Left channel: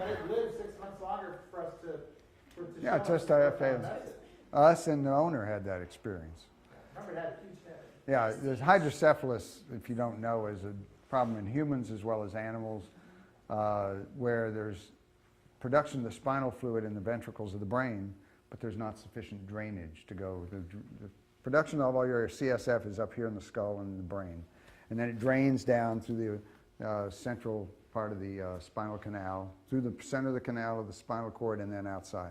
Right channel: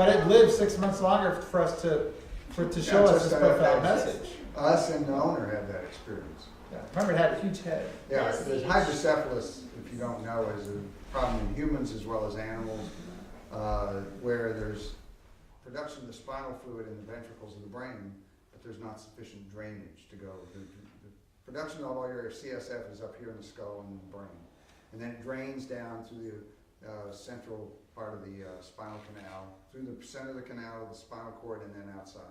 But it lived 6 months longer for us to show us this profound message. Us and the owner had that experience. Yeah. Remember, it had a huge head. Yeah, the hydrocephalus, if you don't know, is a problem in humans as well as animals, where there's production of the spinal fluid in the ventricles of the brain, but there's not sufficient drainage to go. The production of all your CSF is up here in the skull and the brain, and then it drains down through the central part of the spinal canal, through the center of the canal of the spinal cord, and then outside.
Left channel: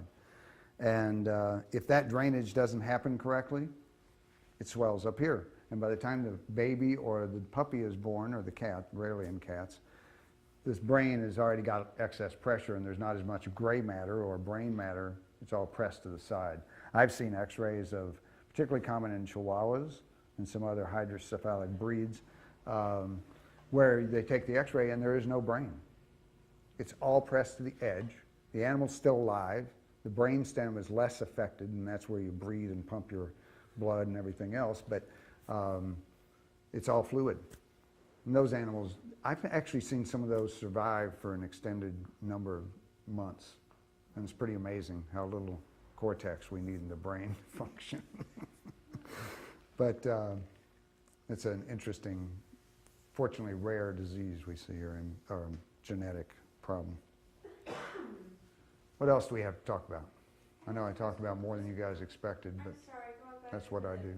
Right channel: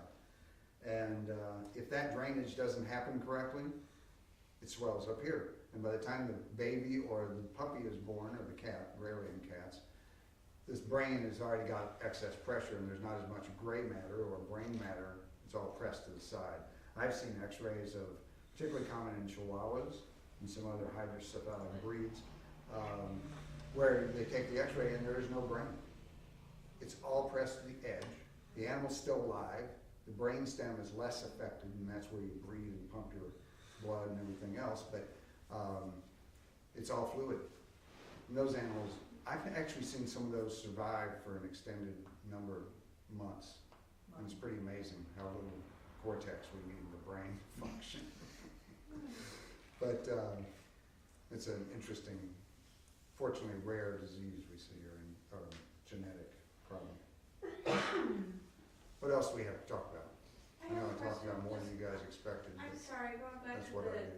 And if that drainage doesn't happen correctly, it swells up here. And by the time the baby or the puppy is born, or the cat, rarely in cats, this brain has already got excess pressure and there's not as much gray matter or brain matter. It's all pressed to the side. I've seen x-rays of, particularly common in Chihuahuas and some other hydrocephalic breeds, where they take the x-ray and there is no brain. It's all pressed to the edge. The animal's still alive. The brain stem is less affected, and that's where you breathe and pump your blood and everything else, but it's all fluid. And those animals, I've actually seen some of those survive for an extended number of months. And it's pretty amazing how little cortex we need in the brain function. But it's an interesting, fortunately rare disease we see here, or genetic problem. What else do we have to talk about? I know I talked about more than you guys expected, but that's what I do.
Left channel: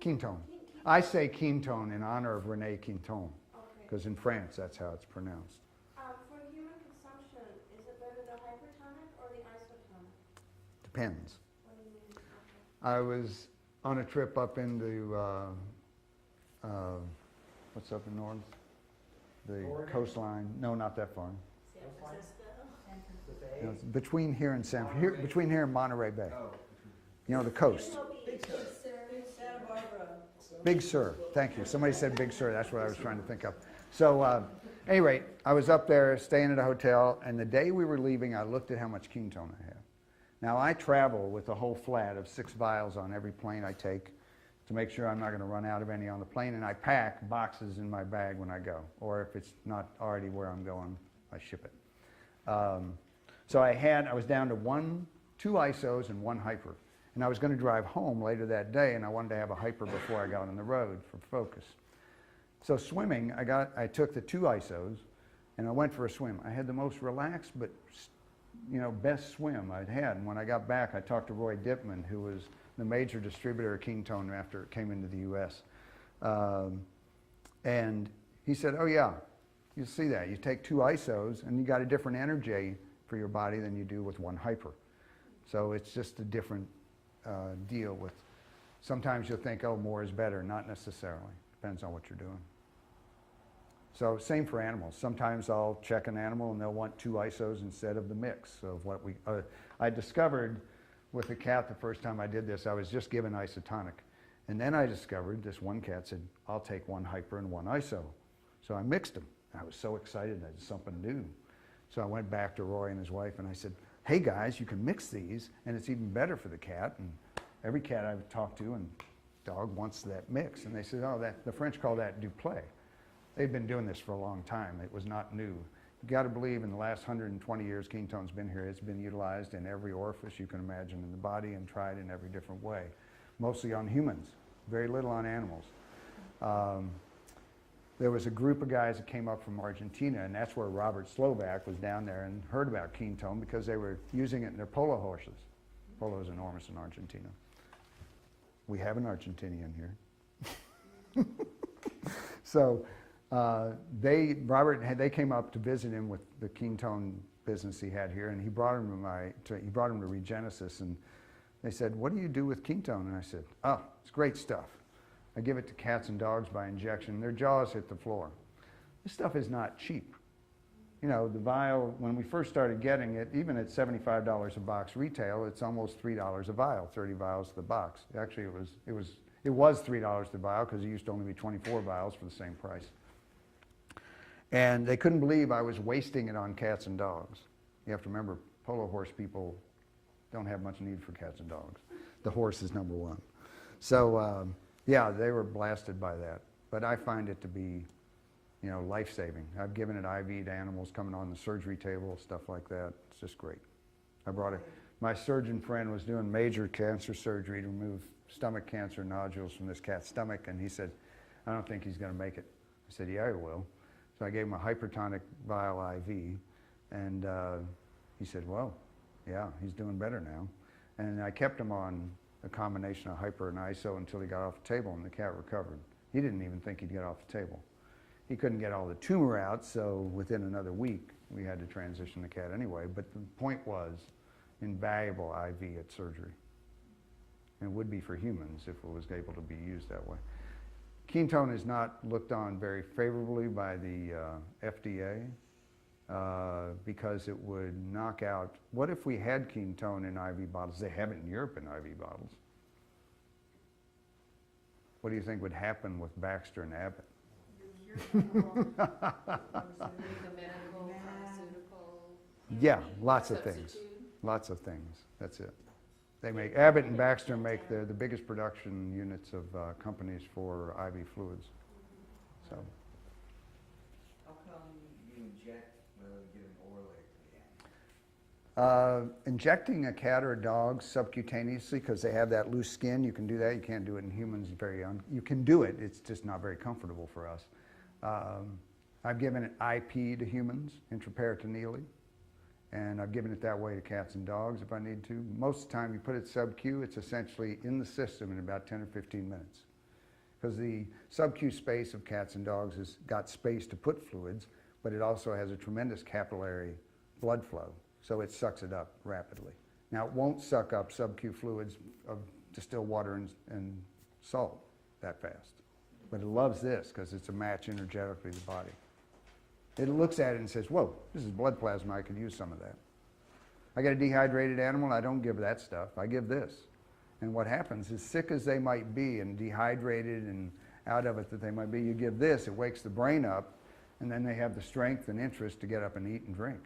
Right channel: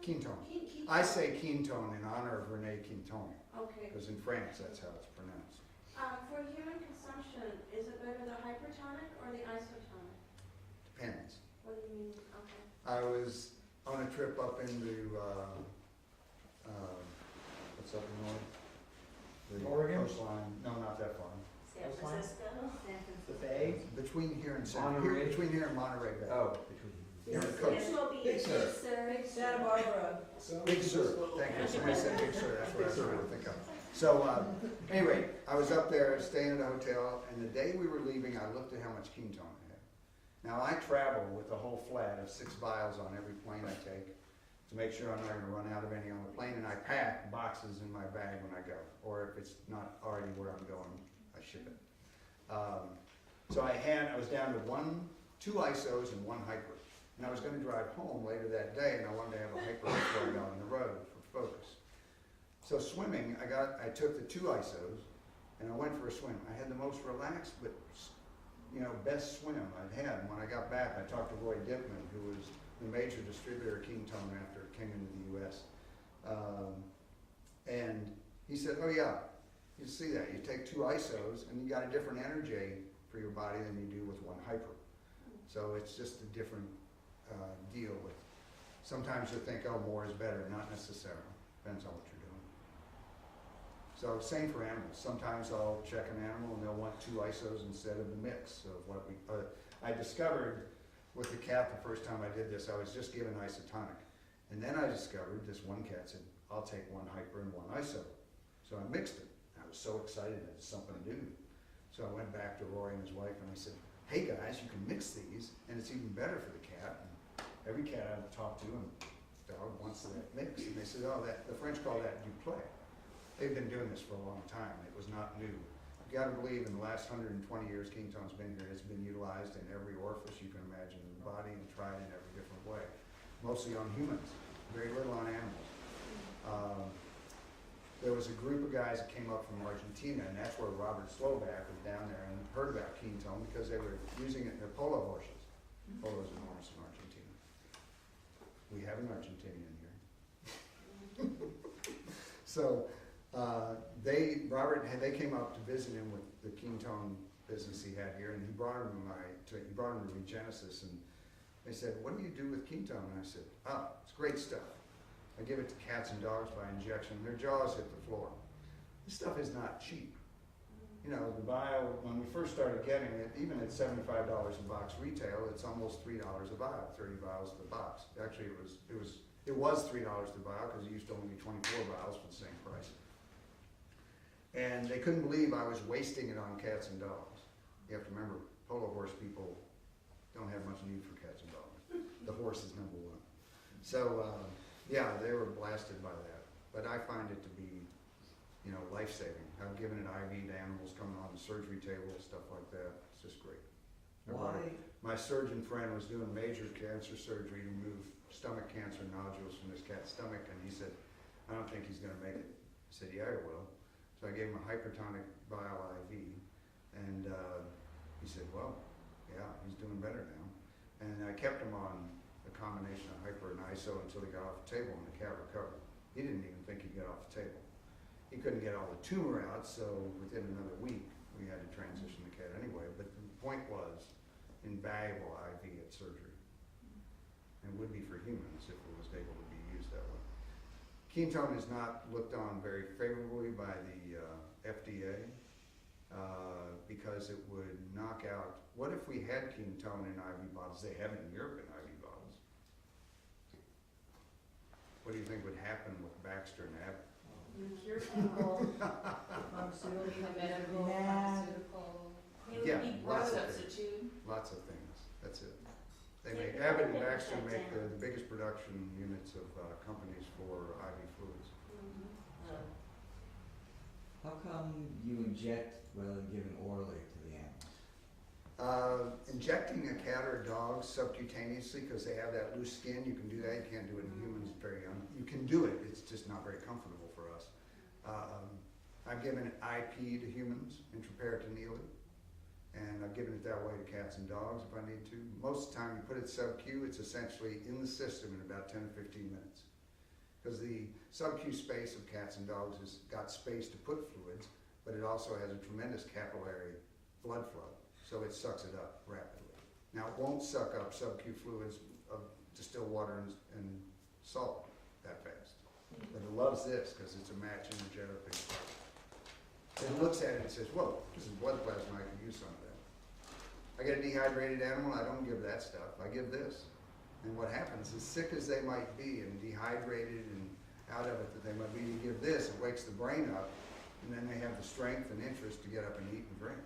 Quintone. I say Quintone in honor of René Quintone, because in France that's how it's pronounced. For human consumption, is it better the hypertonic or the isotonic? Depends. What do you mean? Okay. I was on a trip up into, what's up north? The Oregon? coastline. No, not that far. San Francisco. The Bay? Between here and Monterey? between here and Monterey Bay. Oh. You know, the coast. Big Sur. Santa Barbara. Big Sur. Thank you. Somebody said Big Sur. That's what I was trying to think of. So, anyway, I was up there staying at a hotel, and the day we were leaving, I looked at how much ketone I had. Now, I travel with a whole flat of 6 vials on every plane I take to make sure I'm not going to run out of any on the plane, and I pack boxes in my bag when I go, or if it's not already where I'm going, I ship it. So I was down to 2 isos and 1 hyper. And I was going to drive home later that day, and I wanted to have a hyper before I got on the road for focus. So swimming, I took the 2 isos, and I went for a swim. I had the most relaxed, but best swim I'd had. And when I got back, I talked to Roy Dipman, who was the major distributor of ketone after it came into the U.S. And he said, "Oh yeah, you see that. You take 2 isos, and you got a different energy for your body than you do with 1 hyper. So it's just a different deal with. Sometimes you'll think, oh, more is better. Not necessarily. Depends on what you're doing. So same for animals. Sometimes I'll check an animal and they'll want 2 isos instead of the mix of what I discovered with the cat the first time I did this. I was just given isotonic, and then I discovered this one cat said, "I'll take 1 hyper and 1 iso." So I mixed them. I was so excited. I did something new. So I went back to Roy and his wife and I said, "Hey guys, you can mix these, and it's even better for the cat." And every cat I've talked to and dog wants that mix. And they said, "Oh, the French call that duplé." They've been doing this for a long time. It was not new. You got to believe in the last 120 years ketone's been here. It's been utilized in every orifice you can imagine in the body and tried in every different way. Mostly on humans, very little on animals. There was a group of guys that came up from Argentina, and that's where Robert Slovak was down there and heard about ketone because they were using it in their polo horses. Polo is enormous in Argentina. We have an Argentinian here. So they came up to visit him with the ketone business he had here, and he brought him to Regenesis, and they said, "What do you do with ketone?" And I said, "Oh, it's great stuff. I give it to cats and dogs by injection. Their jaws hit the floor." This stuff is not cheap. The vial, when we first started getting it, even at $75 a box retail, it's almost $3 a vial, 30 vials to the box. Actually, it was $3 the vial because it used to only be 24 vials for the same price. And they couldn't believe I was wasting it on cats and dogs. You have to remember, polo horse people don't have much need for cats and dogs. The horse is number one. So, yeah, they were blasted by that. But I find it to be life-saving. I've given it IV to animals coming on the surgery table, stuff like that. It's just great. I brought it. My surgeon friend was doing major cancer surgery to remove stomach cancer nodules from this cat's stomach, and he said, I don't think he's going to make it. I said, yeah, he will. So I gave him a hypertonic vial IV, and he said, well, yeah, he's doing better now. And I kept him on a combination of hyper and ISO until he got off the table, and the cat recovered. He didn't even think he'd get off the table. He couldn't get all the tumor out, so within another week, we had to transition the cat anyway. But the point was, invaluable IV at surgery. And it would be for humans if it was able to be used that way. Ketone is not looked on very favorably by the FDA because it would knock out. What if we had ketone in IV bottles? They have it in Europe in IV bottles. What do you think would happen with Baxter and Abbott? Yeah, lots of things. Lots of things. That's it. They make Abbott and Baxter make the biggest production units of companies for IV fluids. So. How come you inject rather than giving orally to the animals? Injecting a cat or a dog subcutaneously, because they have that loose skin, you can do that. You can't do it in humans. You can do it. It's just not very comfortable for us. I've given it IP to humans, intraperitoneally, and I've given it that way to cats and dogs if I need to. Most of the time you put it sub-Q, it's essentially in the system in about 10 or 15 minutes. Because the sub-Q space of cats and dogs has got space to put fluids, but it also has a tremendous capillary blood flow, so it sucks it up rapidly. Now it won't suck up sub-Q fluids of distilled water and salt that fast. But it loves this because it's a match energetically to the body. It looks at it and says, whoa, this is blood plasma, I could use some of that. I got a dehydrated animal and I don't give that stuff, I give this. And what happens, as sick as they might be and dehydrated and out of it that they might be, you give this, it wakes the brain up, and then they have the strength and interest to get up and eat and drink.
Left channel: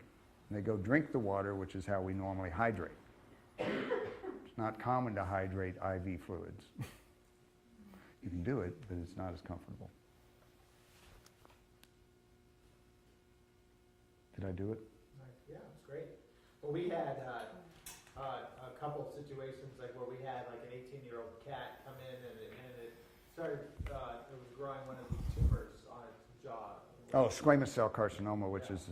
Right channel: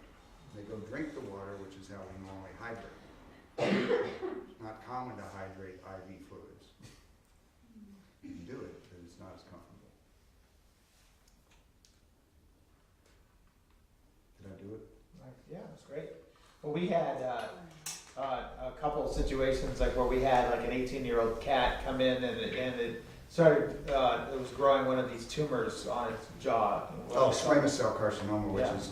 And they go drink the water, which is how we normally hydrate. It's not common to hydrate IV fluids. You can do it, but it's not as comfortable. Did I do it? Yeah, that's great. But we had a couple of situations like where we had like an 18-year-old cat come in and it started, it was growing one of these tumors on its jaw. Oh, squamous cell carcinoma, which Yeah. is,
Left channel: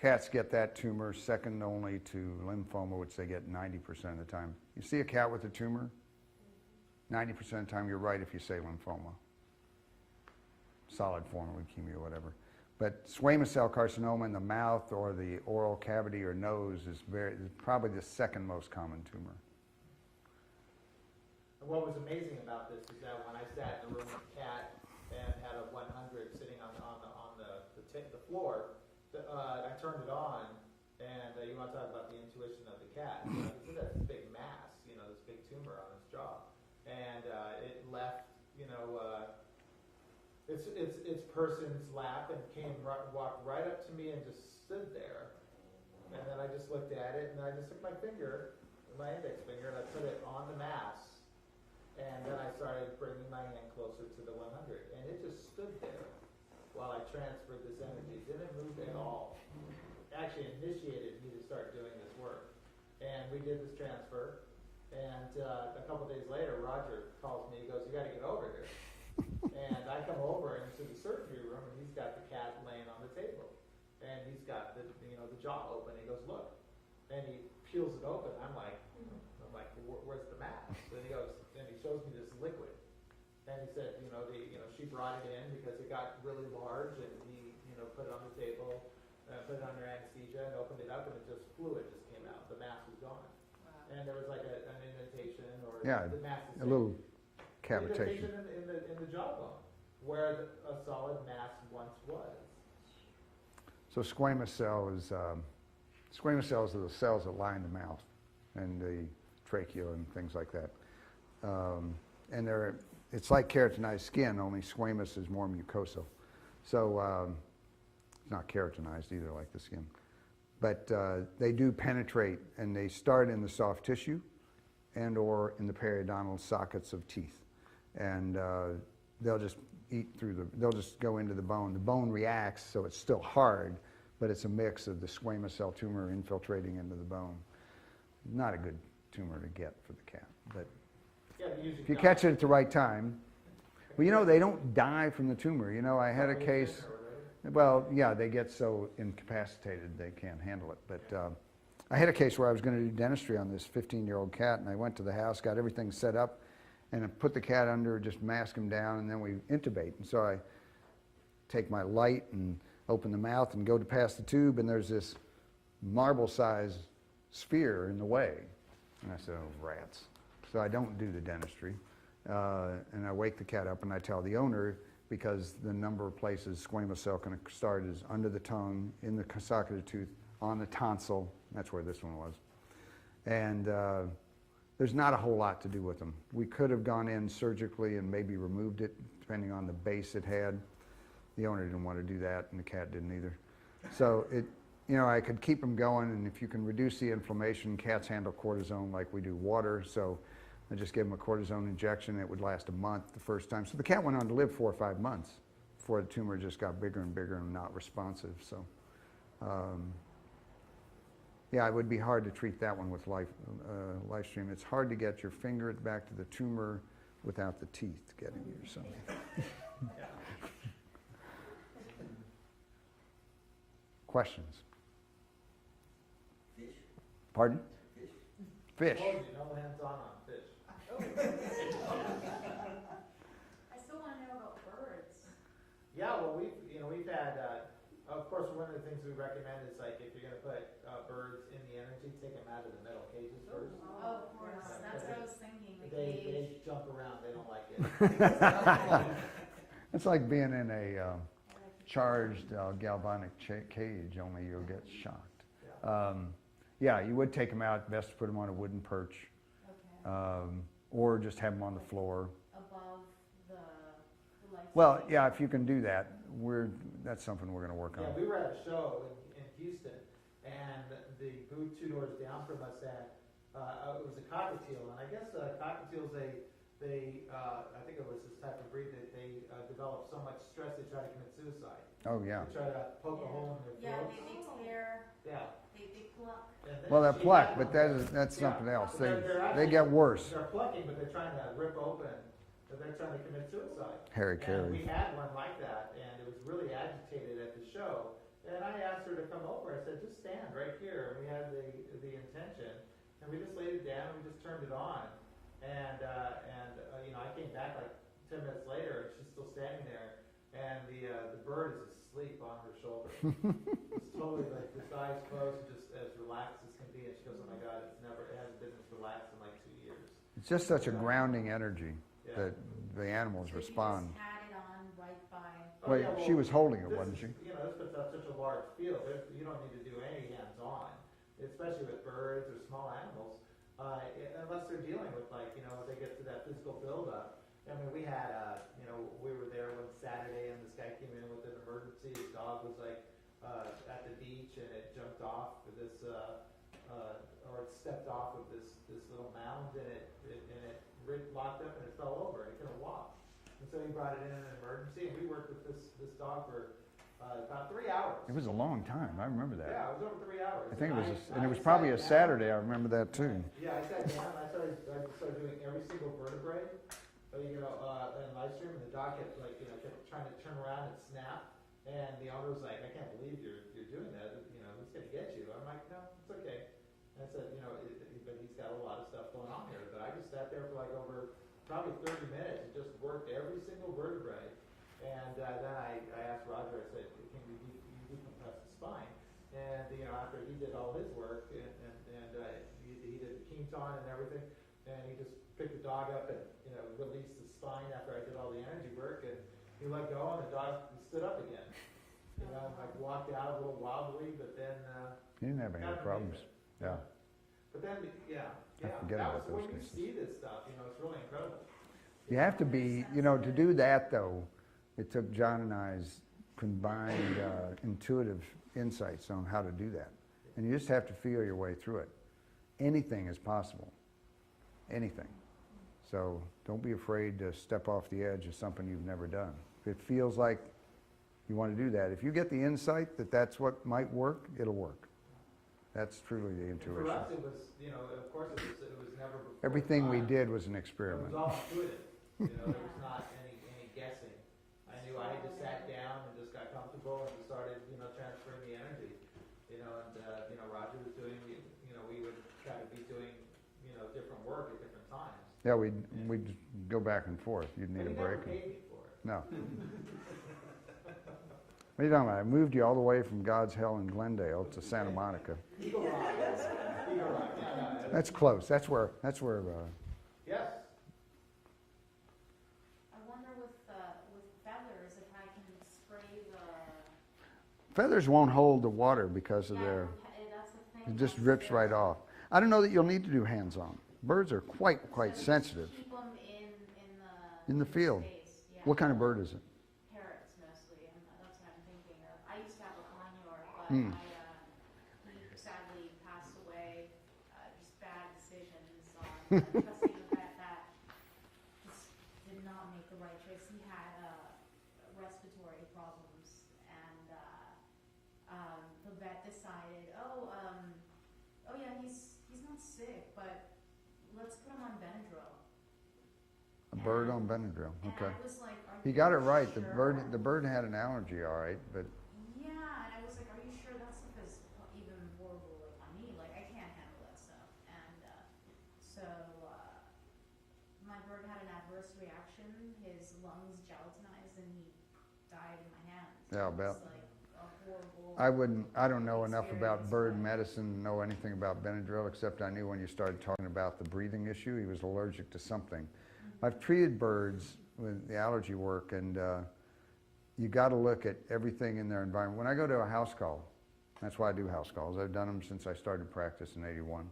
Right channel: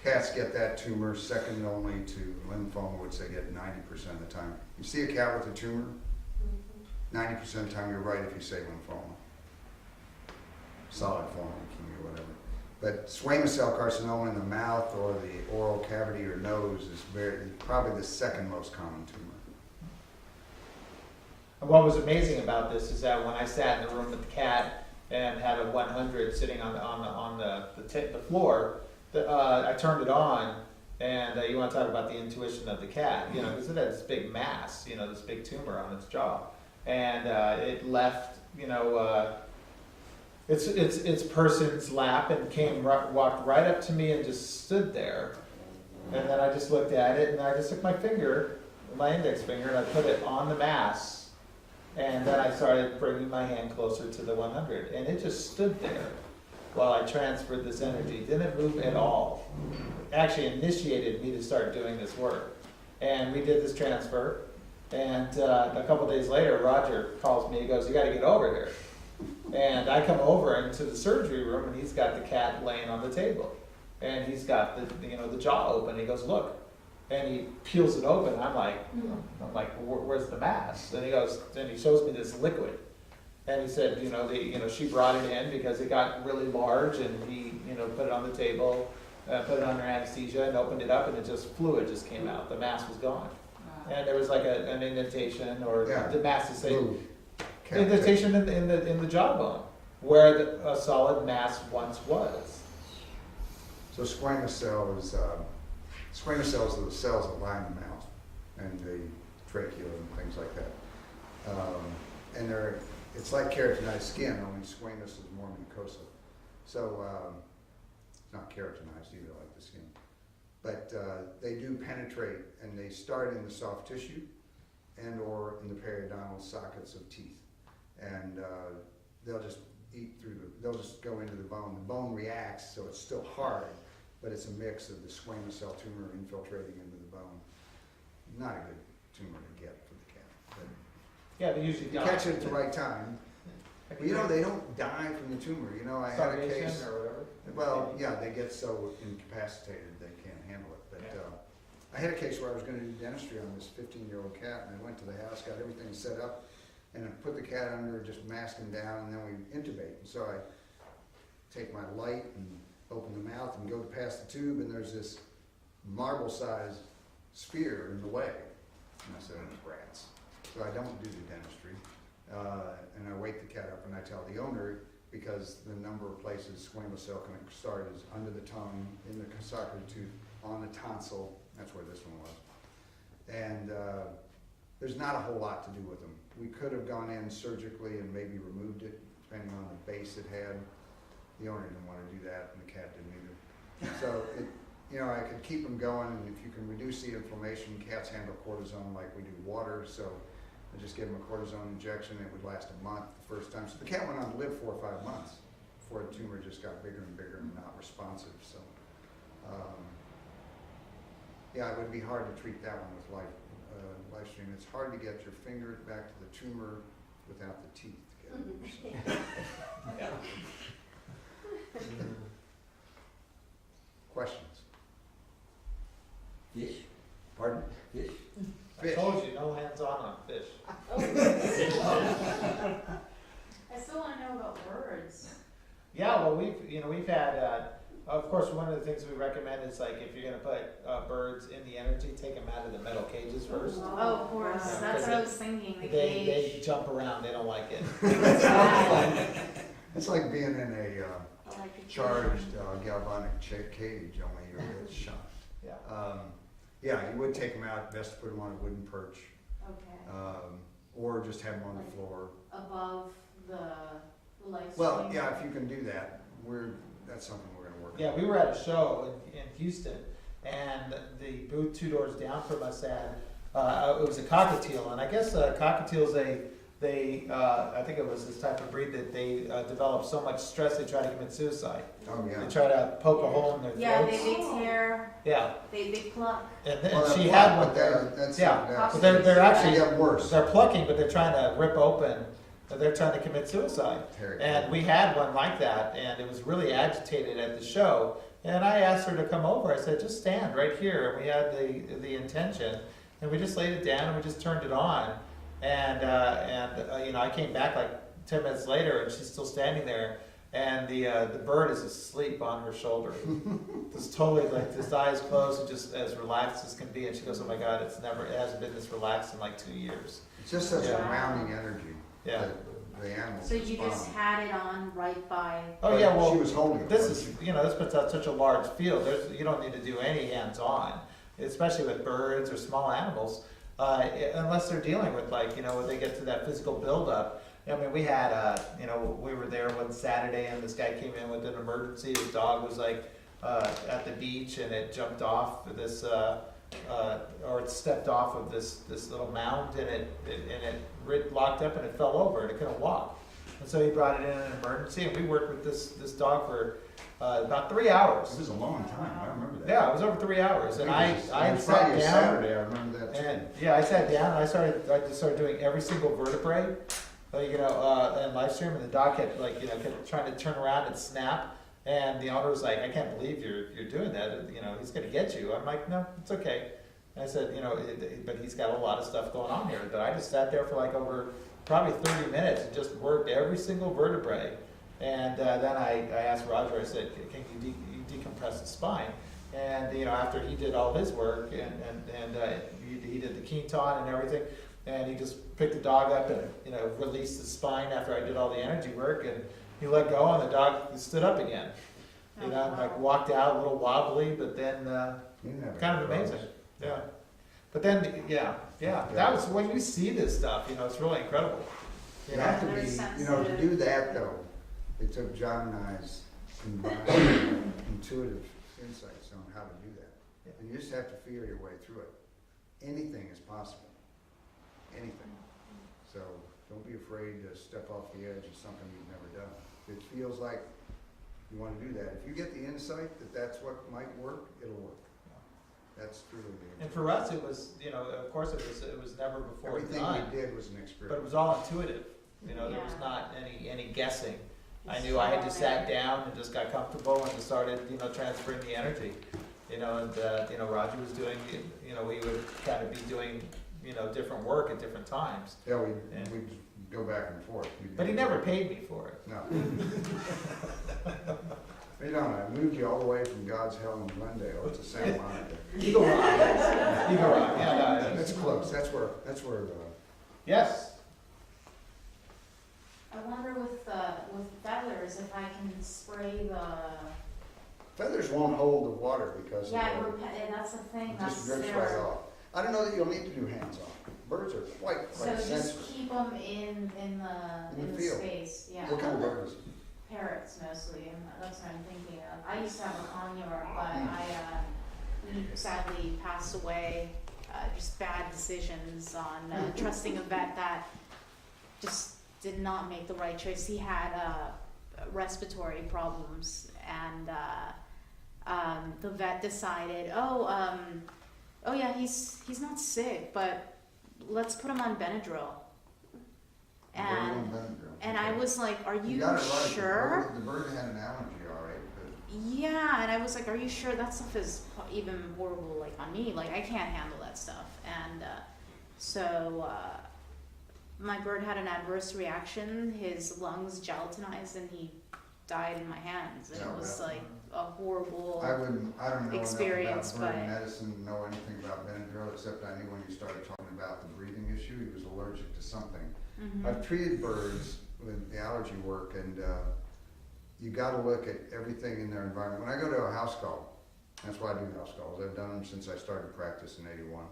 cats get that tumor second only to lymphoma, which they get 90% of the time. You see a cat with a tumor, 90% of the time you're right if you say lymphoma. Solid form leukemia, whatever. But squamous cell carcinoma in the mouth or the oral cavity or nose is probably the second most common tumor. And what was amazing about this is that when I sat in the room with the cat and had a 100 sitting on the floor, I turned it on, and you want to talk about the intuition of the cat, because it had this big mass, this big tumor on its jaw, and it left, its person's lap and walked right up to me and just stood there, and then I just looked at it and I just took my index finger, and I put it on the mass. And then I started bringing my hand closer to the 100, and it just stood there while I transferred this energy. Didn't move at all. Actually initiated me to start doing this work. And we did this transfer, and a couple days later, Roger calls me, he goes, you gotta get over here. And I come over into the surgery room, and he's got the cat laying on the table. And he's got the jaw open, he goes, look. And he peels it open, and I'm like, where's the mass? And he goes, and he shows me this liquid, and he said, she brought it in because it got really large, and he, put it on the table, put it under anesthesia, and opened it up, and fluid just came out. The mass was gone, and there was like an indentation, or the mass is saying indentation in the jawbone where a solid mass once was. So squamous cells are the cells that line the mouth and the trachea and things like that. And it's like keratinized skin, only squamous is more mucosal. So not keratinized either, like the skin. But they do penetrate, and they start in the soft tissue and or in the periodontal sockets of teeth. And they'll just eat through they'll just go into the bone. The bone reacts, so it's still hard, but it's a mix of the squamous cell tumor infiltrating into the bone. Not a good tumor to get for the cat, but Yeah, they usually if you die. catch it at the right time. Well, you know, they don't die from the tumor. You know, I had a Starvation case, or whatever. well, yeah, they get so incapacitated they can't handle it. But I had a case where I was going to do dentistry on this 15-year-old cat, and I went to the house, got everything set up, and I put the cat under, just mask him down, and then we intubate. And so I take my light and open the mouth and go to pass the tube, and there's this marble-sized sphere in the way. And I said, oh, it's rats. So I don't do the dentistry. And I wake the cat up and I tell the owner, because the number of places squamous cell can start is under the tongue, in the socket of the tooth, on the tonsil. That's where this one was. And there's not a whole lot to do with them. We could have gone in surgically and maybe removed it, depending on the base it had. The owner didn't want to do that, and the cat didn't either. So I could keep them going, and if you can reduce the inflammation, cats handle cortisone like we do water. So I just gave him a cortisone injection. It would last a month the first time. So the cat went on to live 4 or 5 months before the tumor just got bigger and bigger and not responsive. So, yeah, it would be hard to treat that one with Lifestream. It's hard to get your finger back to the tumor without the teeth getting there. So. Questions? Fish? Pardon? Fish? Fish. I told you, no hands-on fish. I still wanna know about birds. Yeah, well, we've had, of course, one of the things we recommend is like, if you're gonna put birds in the energy, take them out of the metal cages first. Oh, of course, Yeah, that's 'cause what I was thinking, the They cage. jump around, they don't like it. It's like being in a I like the charged galvanic cage, only you'll get shocked. Yeah. Yeah, you would take them out, best to put them on a wooden perch, Okay, or just have them on the floor. above the light. Well, yeah, if you can do that, that's something we're gonna work on. Yeah, we were at a show in Houston, and the booth 2 doors down from us had, it was a cockatiel, and I guess cockatiels, I think it was this type of breed that they develop so much stress they try to commit suicide. Oh, yeah. They try to poke a hole in their Yeah, throats. they tear, Yeah, they pluck. and then Well, she they're had black, one. but that's Yeah. something else. But they're They actually get worse. they're plucking, but they're trying to rip open. They're trying to commit suicide. And we had one like that, and it was really agitated at the show. And I asked her to come over. I said, just stand right here. And we had the intention, and we just laid it down and we just turned it on. And I came back like 10 minutes later, and she's still standing there. And the bird is asleep on her shoulder, just totally like his eyes closed and just as relaxed as can be. And she goes, "Oh my God, it hasn't been this relaxed in like 2 years." It's just such a Wow. grounding energy Yeah. that the animals So you respond. just had it on right by, Oh yeah, well, She was holding it. this wasn't is, this puts out such a large field, you don't need to do any hands-on, especially with birds or small animals, unless they're dealing with when they get to that physical buildup. I mean, we had, we were there one Saturday and this guy came in with an emergency, his dog was at the beach and it jumped off this, or it stepped off of this little mound and it locked up and it fell over and it couldn't walk. And so he brought it in an emergency, and we worked with this dog for about 3 hours. It was a long time, I remember that. Yeah, it was over 3 hours, and I it was sat probably a down. Saturday, I remember that too. And, yeah, I sat down and I just started doing every single vertebrae, and Lifestream, and the dog kept kept trying to turn around and snap, and the owner was like, "I can't believe you're doing that. He's gonna get you." I'm like, "No, it's okay." And I said, but he's got a lot of stuff going on here. But I just sat there for over probably 30 minutes and just worked every single vertebrae. And then I asked Roger, I said, "Can you decompress the spine?" And after he did all his work and he did the Quinton and everything, and he just picked the dog up and released the spine after I did all the energy work, and he let go and the dog stood up again. And walked out a little wobbly, but then Didn't have any kind of problems. amazing. Yeah. But then that was when you see this stuff, it's really incredible. You have to be, to do that though, it took John and I's combined intuitive insights on how to do that. And you just have to feel your way through it. Anything is possible. Anything. So don't be afraid to step off the edge of something you've never done. it feels like you want to do that. If you get the insight that that's what might work, it'll work. That's truly the intuition. And for us, it was, you know, of course, it was never before Everything we done, did was an but it experiment. was all intuitive. You know, there was Yeah. not any guessing. I knew I had just sat down and just got comfortable and just started, you know, transferring the energy. You know, and, you know, Roger was doing, you know, we would kind of be doing, you know, different work at different times. Yeah, we Yeah. we go back and forth. You'd But he never paid me for it. No. You don't. I moved you all the way from God's Hell in Glendale to Santa Monica. Eagle Rock, yes. Eagle Rock, yeah, no, yes. That's close. That's where. Yes, I wonder with feathers, if I can spray the, Feathers won't hold the water because of yeah, the. that's the thing. It just that's- rips right there's- off. I don't know that you'll need to do hands-on. Birds are quite So sensitive. just keep them In the field. space, yeah. What kind of bird is it? Parrots mostly, and that's what I'm thinking of. I used to have a conure, but Hmm. he sadly passed away. Just bad decisions on trusting a vet that just did not make the right choice. He had respiratory problems, and the vet decided, oh yeah, he's not sick, but let's put him on Benadryl. A bird on Benadryl. And Okay. I was like, are You you got it right. sure? The bird had an allergy, all right, but Yeah, and I was like, are you sure that stuff is even horrible, like, on me? Like, I can't handle that stuff. And my bird had an adverse reaction. His lungs gelatinized and he died in my hands. And Yeah, it was like a horrible. I don't know enough about Experience, bird but- medicine, know anything about Benadryl, except I knew when you started talking about the breathing issue, he was allergic to something. Mhm. I've treated birds with the allergy work, and you got to look at everything in their environment. When I go to a house call, that's why I do house calls. I've done them since I started practice in '81.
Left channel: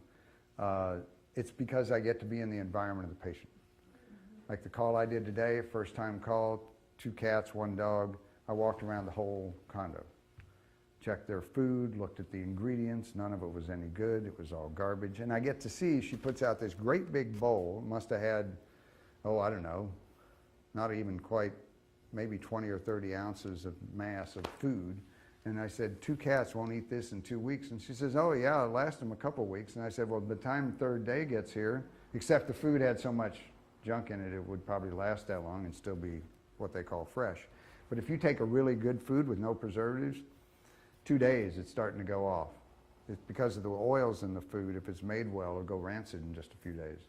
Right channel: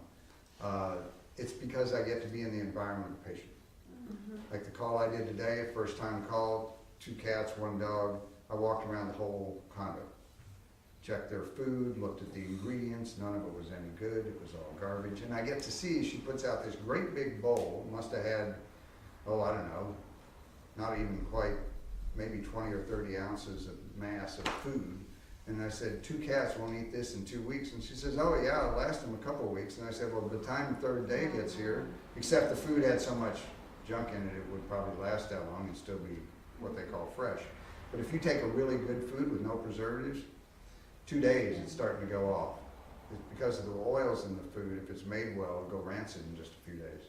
It's because I get to be in the environment of the patient. Like the call I did today, first time call, 2 cats, 1 dog. I walked around the whole condo, checked their food, looked at the ingredients. None of it was any good. It was all garbage. And I get to see she puts out this great big bowl. Must have had, I don't know, not even quite, maybe 20 or 30 ounces of mass of food. And I said, 2 cats won't eat this in 2 weeks. And she says, oh yeah, it'll last them a couple of weeks. And I said, well, by the time the 3rd day gets here, except the food had so much junk in it, it would probably last that long and still be what they call fresh. But if you take a really good food with no preservatives, 2 days it's starting to go off. It's because of the oils in the food. If it's made well, it'll go rancid in just a few days.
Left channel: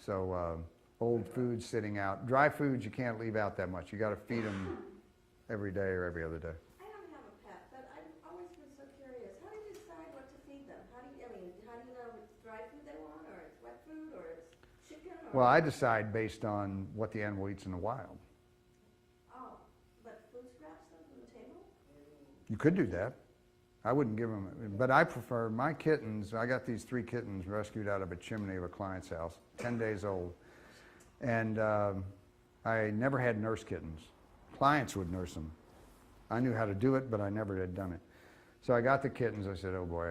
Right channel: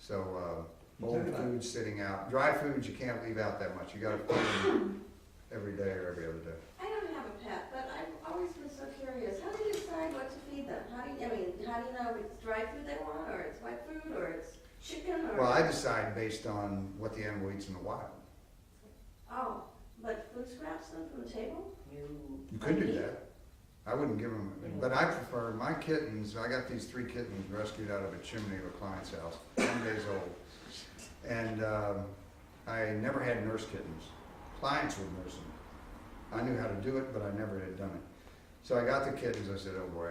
So old food sitting out. Dry foods you can't leave out that much. You got to feed them every day or every other day. I don't have a pet, but I've always been so curious. How do you decide what to feed them? How do you know if it's dry food they want, or it's wet food, or it's chicken, or? Well, I decide based on what the animal eats in the wild. Oh, but food scraps them from the table? You could do that. I wouldn't give them, but I prefer my kittens. I got these 3 kittens rescued out of a chimney of a client's house, 10 days old. And I never had nurse kittens. Clients would nurse them. I knew how to do it, but I never had done it. So I got the kittens. I said, oh boy.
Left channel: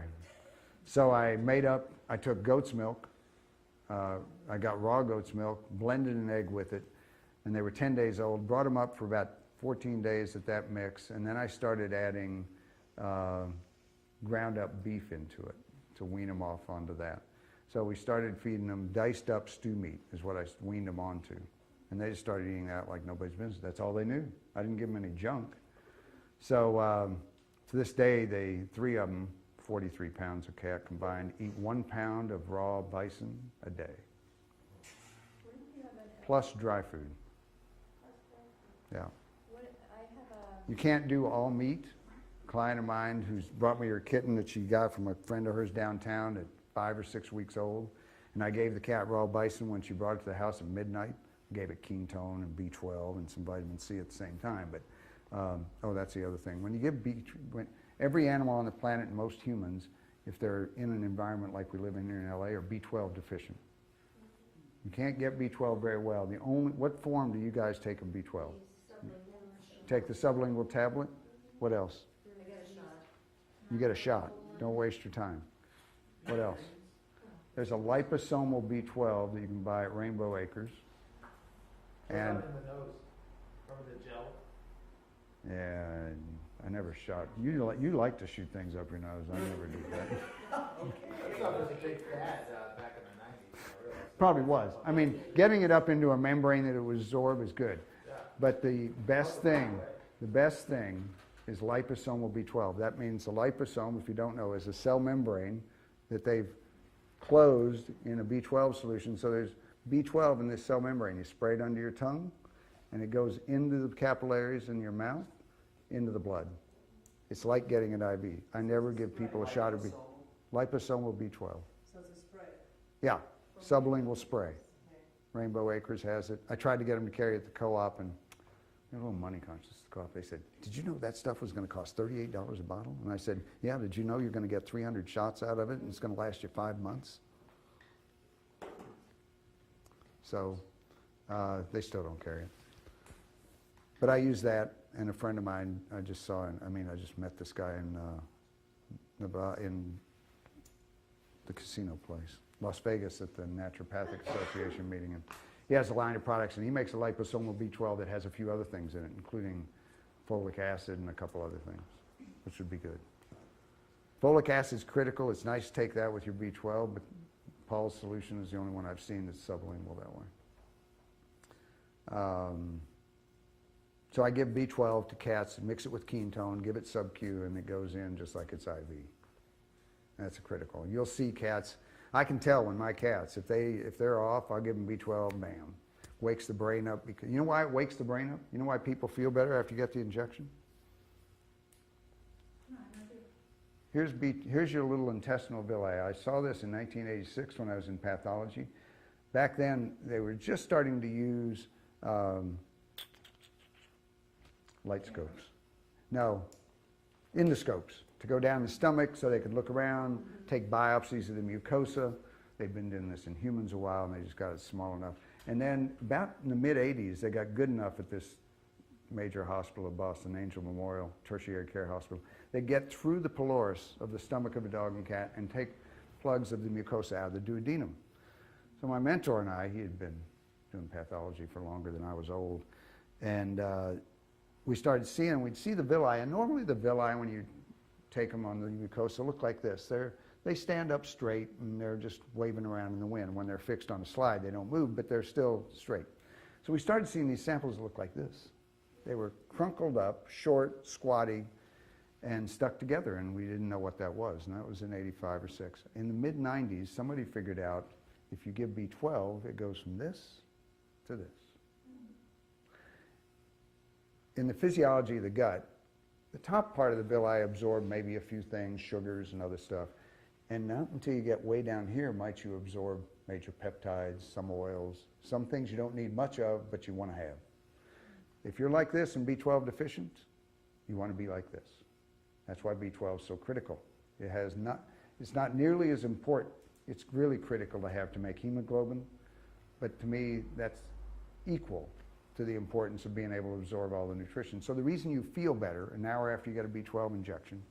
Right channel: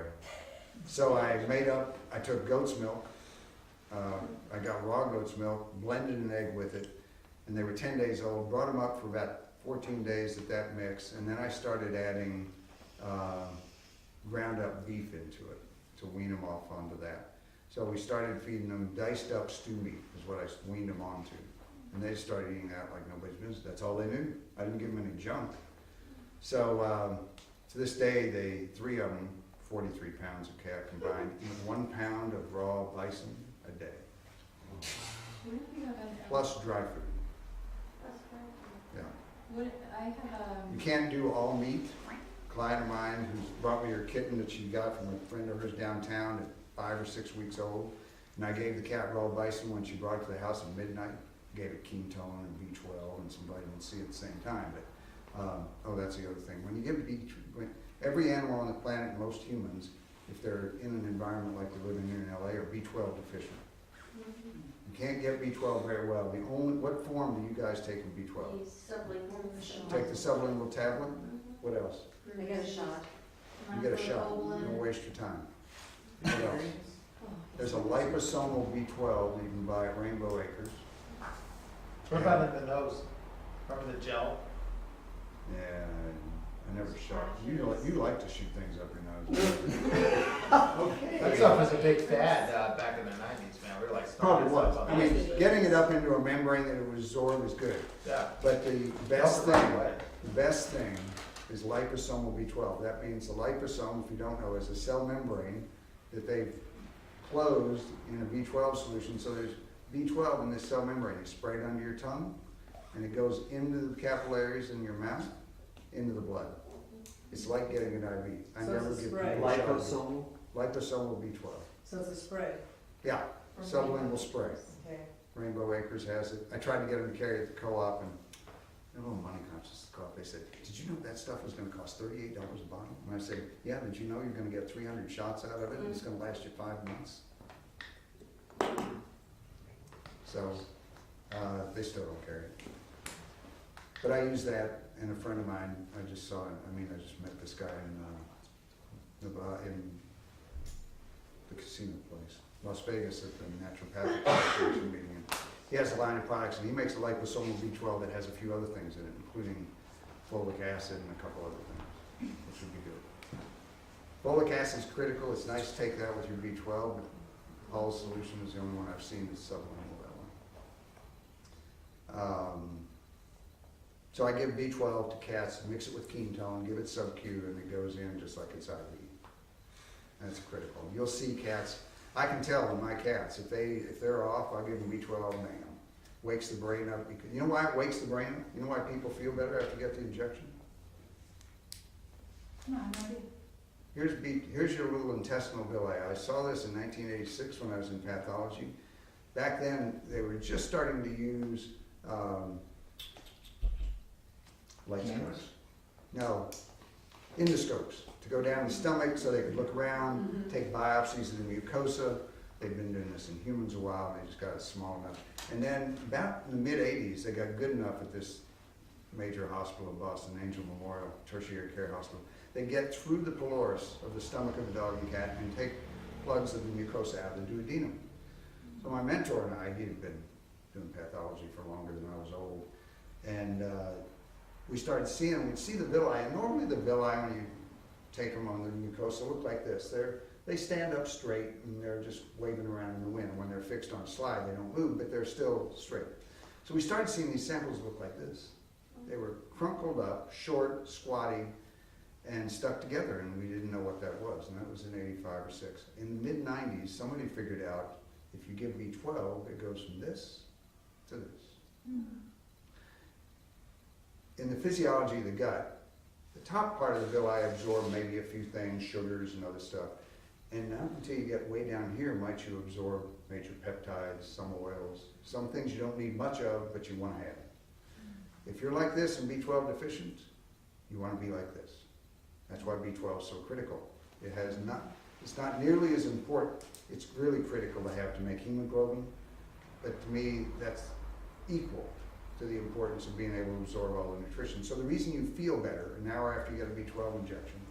So I took goat's milk. I got raw goat's milk, blended an egg with it, and they were 10 days old. Brought them up for about 14 days at that mix, and then I started adding ground up beef into it to wean them off onto that. So we started feeding them diced up stew meat is what I weaned them onto. And they started eating that like nobody's business. That's all they knew. I didn't give them any junk. So to this day, 3 of them, 43 pounds of cat combined, eat 1 pound of raw bison a day, plus dry food. That's great. Yeah. You can't do all meat. A client of mine who's brought me her kitten that she got from a friend of hers downtown at 5 or 6 weeks old, and I gave the cat raw bison when she brought it to the house at midnight. Gave it ketone and B12 and some vitamin C at the same time. But that's the other thing. When you give every animal on the planet, most humans, if they're in an environment like we live in here in LA, are B12 deficient. You can't get B12 very well. What form do you guys take of B12? Take the sublingual tablet. What else? I get a shot. You get a shot. Don't waste your time. What else? There's a liposomal B12 that you can buy at Rainbow Acres. What about in the nose? Remember the gel? I never shot. You like to shoot things up your nose. That stuff was a big fad, back in the nineties, man, we were like. Probably was. I mean, getting it up into a membrane that it would absorb is good. Yeah. But the best Right thing, away. the best thing is liposomal B12. That means the liposome, if you don't know, is a cell membrane that they've closed in a B12 solution. So there's B12 in this cell membrane. You spray it under your tongue, and it goes into the capillaries in your mouth, into the blood. It's like getting an IV. I So never it's a get spray. people shot at Liposomal? liposomal B12. So it's a spray? Yeah, sublingual spray. Okay. Rainbow Acres has it. I tried to get them to carry it to the co-op, and they're a little money conscious. The co-op, they said, "Did you know that stuff was going to cost $38 a bottle?" And I said, "Yeah. Did you know you're going to get 300 shots out of it, and it's going to last you 5 months?" So they still don't carry it. But I use that, and a friend of mine, I just saw, I just met this guy in the casino place, Las Vegas, at the Naturopathic Association meeting. And he has a line of products, and he makes a liposomal B12 that has a few other things in it, including folic acid and a couple other things, which would be good. Folic acid is critical. It's nice to take that with your B12, but Paul's solution is the only one I've seen that's sublingual that way. So I give B12 to cats, mix it with ketone, give it sub-Q, and it goes in just like it's IV. That's critical. You'll see cats, I can tell in my cats, if they're off, I'll give them B12, bam. Wakes the brain up. Because, you know why it wakes the brain up? You know why people feel better after you get the injection? No, no idea. Here's your little intestinal villi. I saw this in 1986 when I was in pathology. Back then, they were just starting to use light scopes. No, endoscopes to go down the stomach so they could look around, take biopsies of the mucosa. They've been doing this in humans a while, and they just got it small enough. And then about in the mid-'80s, they got good enough at this major hospital of Boston, Angel Memorial Tertiary Care Hospital. They get through the pylorus of the stomach of the dog and cat and take plugs of the mucosa out of the duodenum. So my mentor and I, he had been doing pathology for longer than I was old, and we started seeing, we'd see the villi, and normally the villi, when you take them on the mucosa, look like this. They stand up straight, and they're just waving around in the wind. When they're fixed on a slide, they don't move, but they're still straight. So we started seeing these samples look like this. They were crunkled up, short, squatty, and stuck together, and we didn't know what that was, and that was in 85 or 6. In the mid-'90s, somebody figured out if you give B12, it goes from this to this. In the physiology of the gut, the top part of the villi absorb maybe a few things, sugars and other stuff, and not until you get way down here might you absorb major peptides, some oils, some things you don't need much of, but you want to have. If you're like this and B12 deficient, you want to be like this. That's why B12 is so critical. It's not nearly as important. It's really critical to have to make hemoglobin, but to me, that's equal to the importance of being able to absorb all the nutrition. So the reason you feel better an hour after you get a B12 injection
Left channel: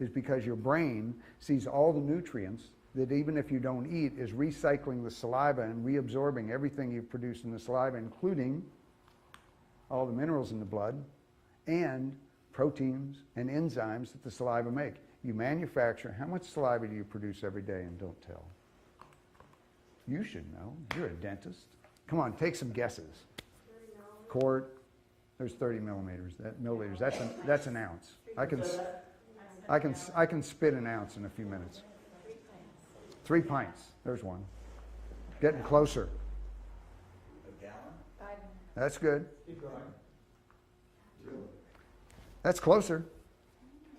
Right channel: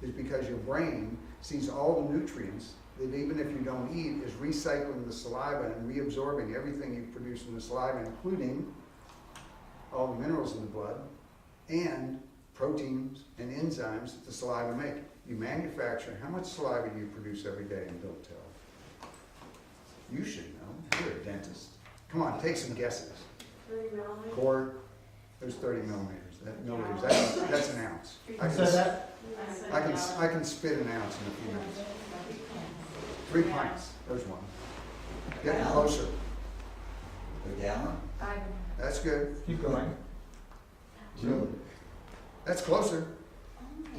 is because your brain sees all the nutrients that even if you don't eat is recycling the saliva and reabsorbing everything you produce in the saliva, including all the minerals in the blood and proteins and enzymes that the saliva make. You manufacture, how much saliva do you produce every day, and don't tell? You should know, you're a dentist. Come on, take some guesses. 30 millimeters. Quart, there's 30 millimeters. That's an ounce. I can spit an ounce in a few minutes. 3 pints, there's one. Getting closer. A gallon? That's good. Keep going. That's closer.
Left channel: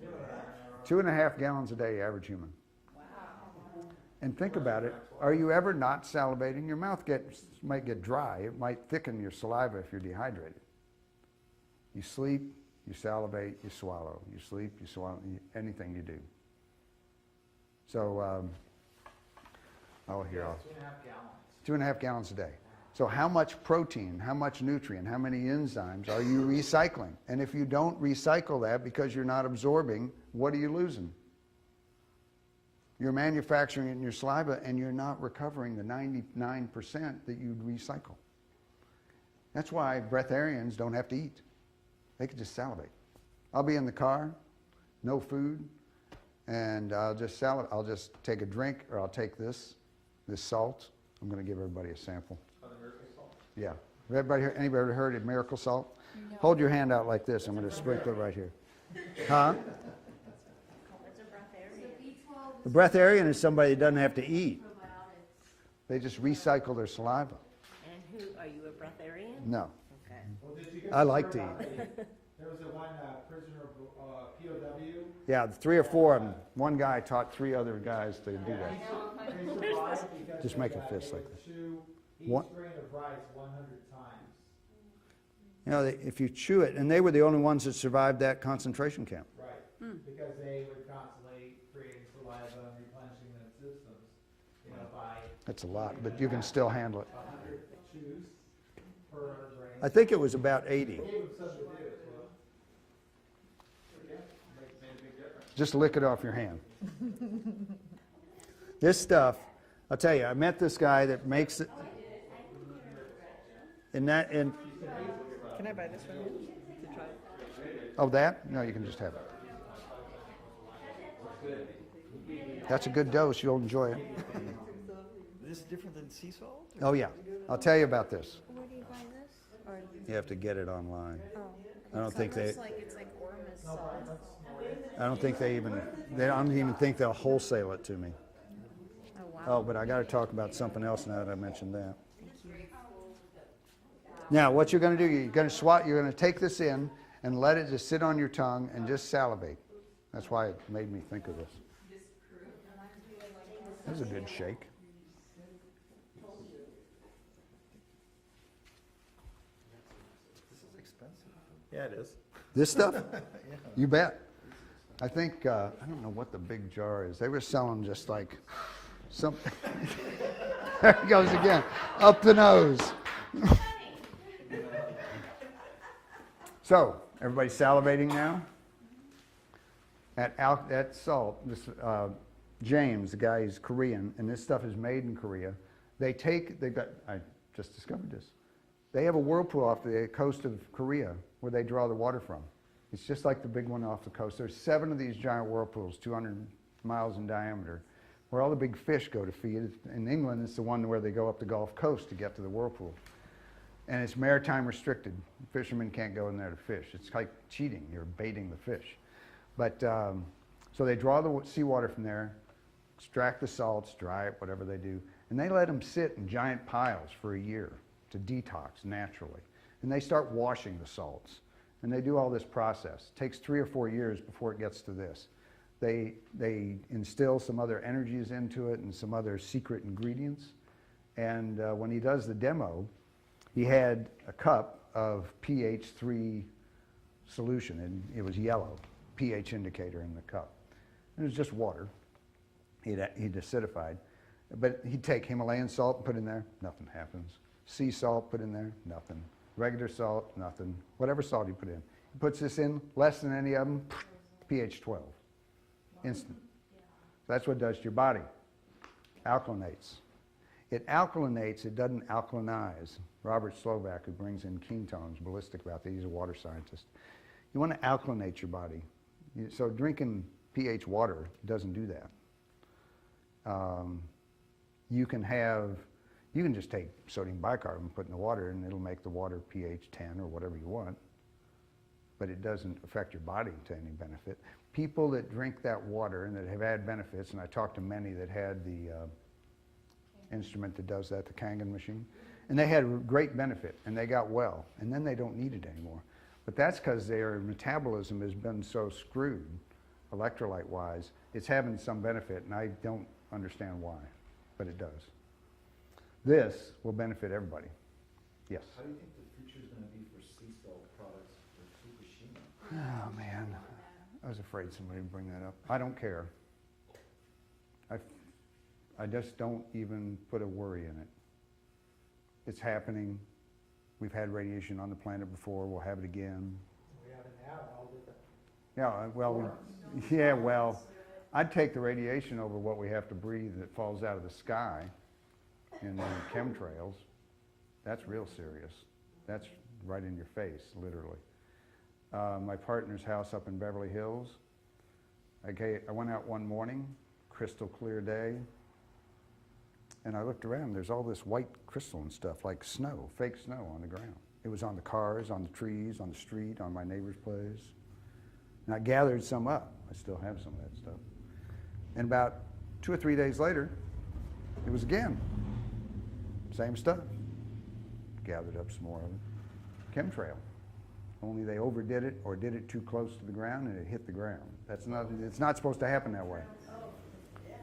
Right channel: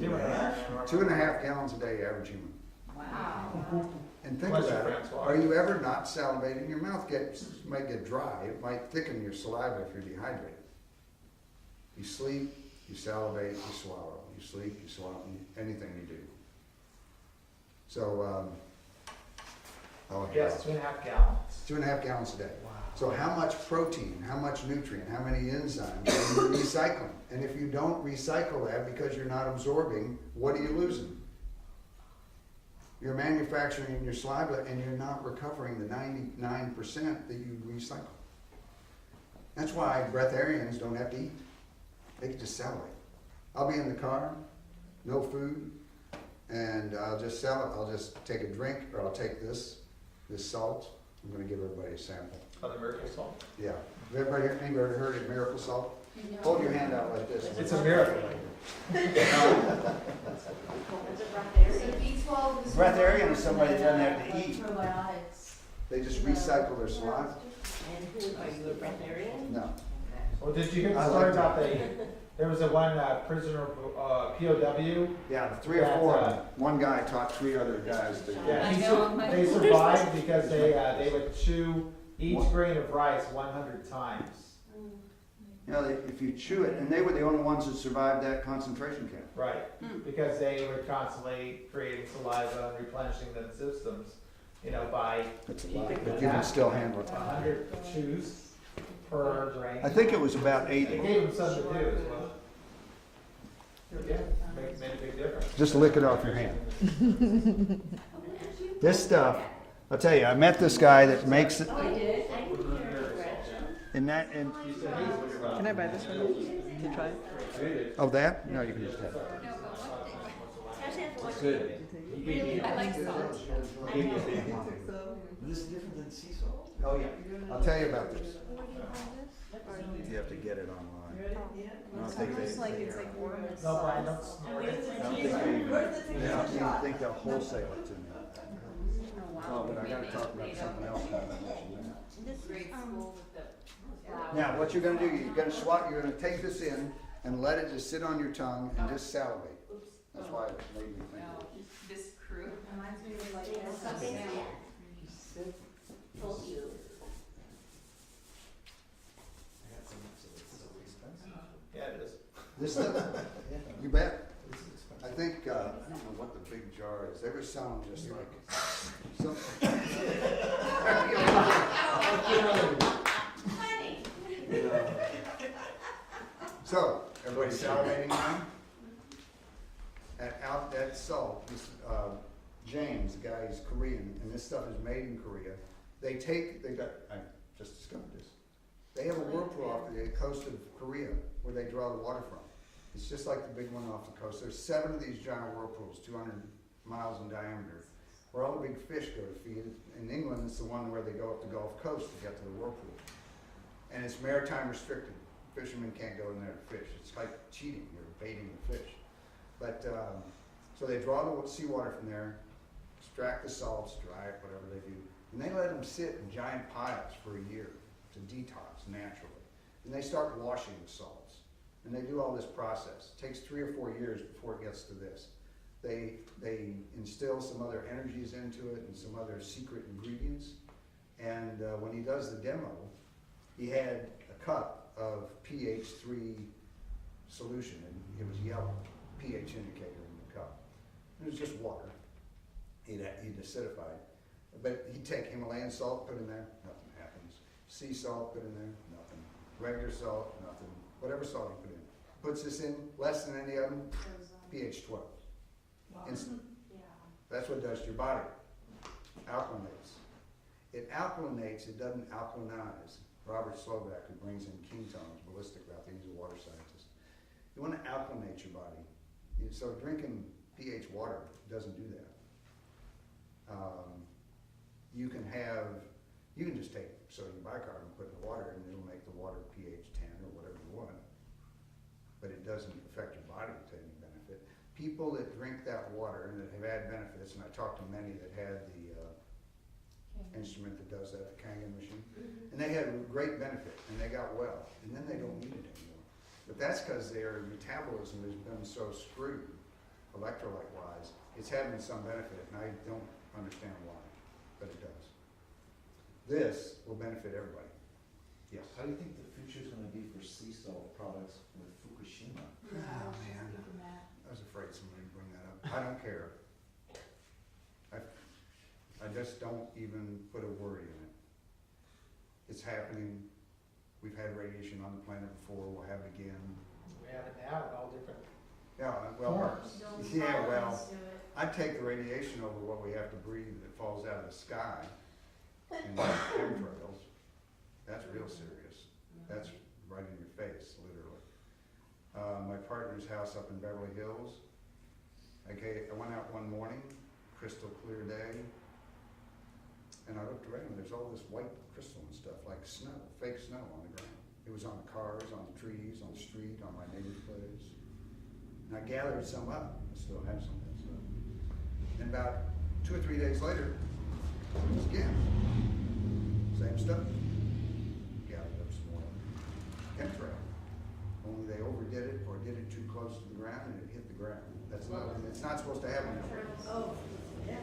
2.5. 2.5 gallons a day, average human. Wow. And think Unless about your it. parents water. Are you ever not salivating? Your mouth might get dry. It might thicken your saliva if you're dehydrated. You sleep, you salivate, you swallow. You sleep, you swallow, anything you do. So, Yes, 2.5 gallons. 2.5 gallons a day. Wow. So how much protein, how much nutrient, how many enzymes are you recycling? And if you don't recycle that because you're not absorbing, what are you losing? You're manufacturing in your saliva and you're not recovering the 99% that you recycle. That's why breatharians don't have to eat. They can just salivate. I'll be in the car, no food, and I'll just sell it. I'll just take a drink, or I'll take this salt. I'm gonna give everybody a sample. On the miracle salt? Yeah. Have anybody heard of miracle salt? Hold your hand out like this. I'm gonna It's a sprinkle miracle. right here. Huh? Breatharian is somebody that doesn't have to eat. They just recycle their saliva. And who, are you a breatharian? No. Well, did you hear I the story liked it. about there was a one prisoner, POW? Yeah, 3 or 4 of them. One guy taught 3 other guys to do Yeah, it. they survived because Just they, make it they this. would chew each What? grain of rice 100 times. You know, if you chew it, and they were the only ones that survived that concentration camp. Right, because they were constantly creating saliva and replenishing the systems, you know, by That's a lot, but you can still handle it. 100 chews per grain. I think it was about It 80. gave them something to do as well. Yeah, made a big difference. Just lick it off your hand. This stuff, I'll tell you, I met this guy that makes it, Oh, I did? I didn't hear it. and Can I buy this one? Can you try it? oh, that? No, you can just have it. That's a good dose, you'll enjoy it. This is different than sea salt? Oh, yeah, I'll tell you about this. You have to get it online. I don't think they, It's like Ormus No, Brian, sauce. I don't think they don't even think they'll wholesale it to me. Oh, but I gotta talk about something else now that I mentioned that. Now, what you're gonna do, you're gonna take this in and let it just sit on your tongue and just salivate. That's why it made me think of it. That's a good shake. Yeah, it is. This stuff? You bet. I think, I don't know what the big jar is. They were selling just like some, there he goes again, up the nose. So, everybody salivating now? At Salt, this, James, the guy is Korean, and this stuff is made in Korea. I just discovered this. They have a whirlpool off the coast of Korea where they draw the water from. It's just like the big one off the coast. There's 7 of these giant whirlpools, 200 miles in diameter, where all the big fish go to feed. In England, it's the one where they go up the Gulf Coast to get to the whirlpool. And it's maritime restricted. Fishermen can't go in there to fish. It's like cheating. You're baiting the fish. But, so they draw the seawater from there, extract the salts, dry it, whatever they do, and they let them sit in giant piles for a year to detox naturally. And they start washing the salts. And they do all this process. It takes 3 or 4 years before it gets to this. They instill some other energies into it and some other secret ingredients. And when he does the demo, he had a cup of pH 3 solution, and it was yellow, pH indicator in the cup. It was just water. He'd acidified. But he'd take Himalayan salt, put in there, nothing happens. Sea salt, put in there, nothing. Regular salt, nothing. Whatever salt he put in. He puts this in, less than any of them, pH 12. Instant. That's what it does to your body. Alkalinates. It alkalinates, it doesn't alkalinize. Robert Slovak, who brings in ketones, ballistic about that, he's a water scientist. You want to alkalinate your body. So drinking pH water doesn't do that. You can just take sodium bicarbonate and put in the water, and it'll make the water pH 10 or whatever you want, but it doesn't affect your body to any benefit. People that drink that water and that have had benefits, and I talked to many that had the instrument that does that, the Kangen machine, and they had great benefit, and they got well, and then they don't need it anymore. But that's because their metabolism has been so screwed, electrolyte-wise, it's having some benefit, and I don't understand why, but it does. This will benefit everybody. Yes? How do you think the future is going to be for sea salt products with Fukushima? Oh, man. I was afraid somebody would bring that up. I don't care. I just don't even put a worry in it. It's happening. We've had radiation on the planet before. We'll have it again. We have it now in all different Yeah, well, forms. yeah, well, I'd take the radiation over what we have to breathe that falls out of the sky in the chemtrails. That's real serious. That's right in your face, literally. my partner's house up in Beverly Hills. I went out one morning, crystal clear day, and I looked around. There's all this white crystal and stuff, like snow, fake snow on the ground. It was on the cars, on the trees, on the street, on my neighbor's place. And I gathered some up. I still have some of that stuff. And about 2 or 3 days later, it was again. Same stuff. Gathered up some more of them. Chemtrail. Only they overdid it or did it too close to the ground and it hit the ground. It's not supposed to happen that way. Oh, yeah.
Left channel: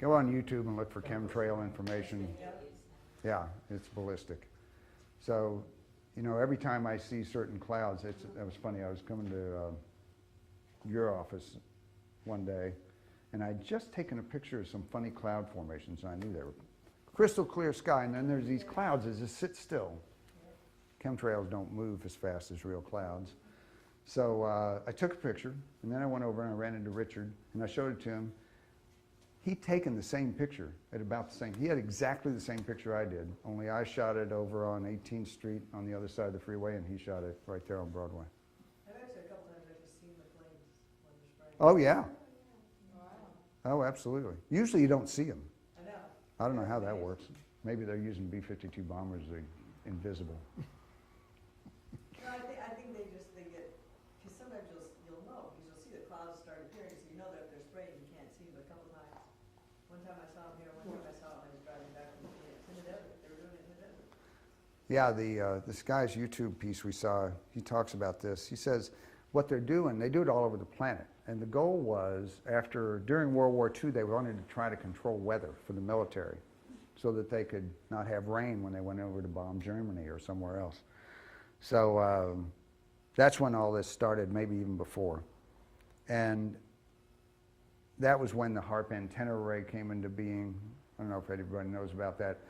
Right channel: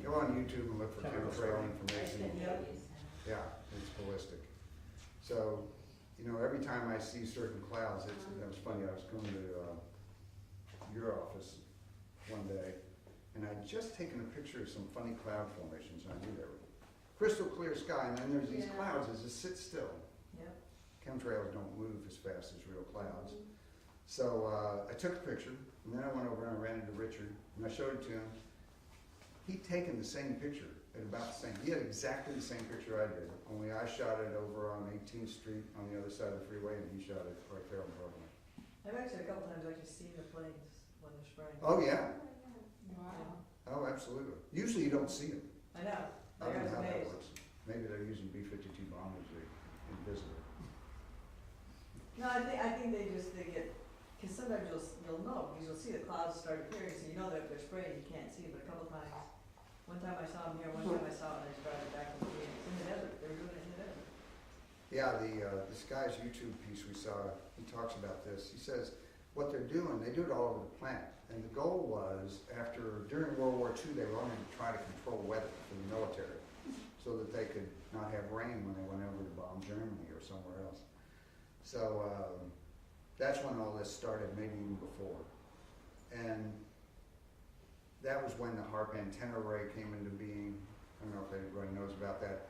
Go on YouTube and look for chemtrail information. Yeah, it's ballistic. So, you know, every time I see certain clouds, that was funny. I was coming to your office one day, and I'd just taken a picture of some funny cloud formations. I knew they were crystal clear sky, and then there's these clouds that just sit still. Chemtrails don't move as fast as real clouds. So I took a picture, and then I went over and I ran into Richard, and I showed it to him. He'd taken the same picture at about the same. He had exactly the same picture I did, only I shot it over on 18th Street on the other side of the freeway, and he shot it right there on Broadway. I've actually a couple times actually seen the planes when they're spraying. Oh yeah. Wow. Oh, absolutely. Usually you don't see them. I know. I don't know how that Amazing. works. Maybe they're using B-52 bombers. They're invisible. No, I think they get, because sometimes you'll know, because you'll see the clouds start appearing, so you know that if they're spraying, you can't see them, but a couple times, one time I saw them here, one time I saw them, I was driving back from Phoenix, in the desert, they were doing it in the desert. Yeah, this guy's YouTube piece we saw, he talks about this. He says what they're doing, they do it all over the planet. And the goal was, during World War II, they wanted to try to control weather for the military so that they could not have rain when they went over to bomb Germany or somewhere else. So that's when all this started, maybe even before. And that was when the HARP antenna array came into being. I don't know if anybody knows about that.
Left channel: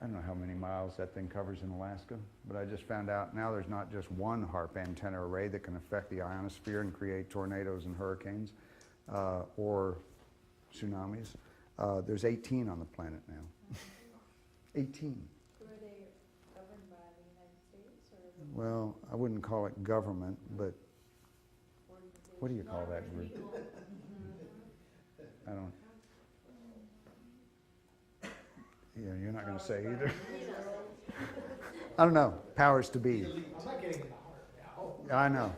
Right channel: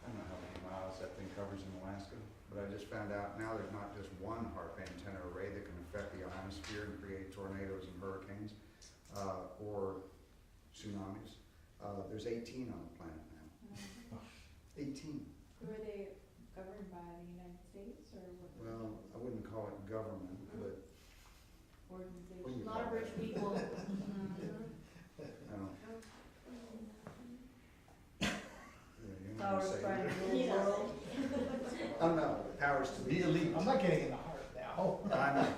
I don't know how many miles that thing covers in Alaska, but I just found out now there's not just one HARP antenna array that can affect the ionosphere and create tornadoes and hurricanes or tsunamis. There's 18 on the planet now. 18. Were they governed by the United States or? Well, I wouldn't call it government, but what do you call that? Rich people. I don't. Yeah, you're not going to Powers say trying either. to rule the world. I don't know. Powers to be. I'm not getting in the heart now. I know.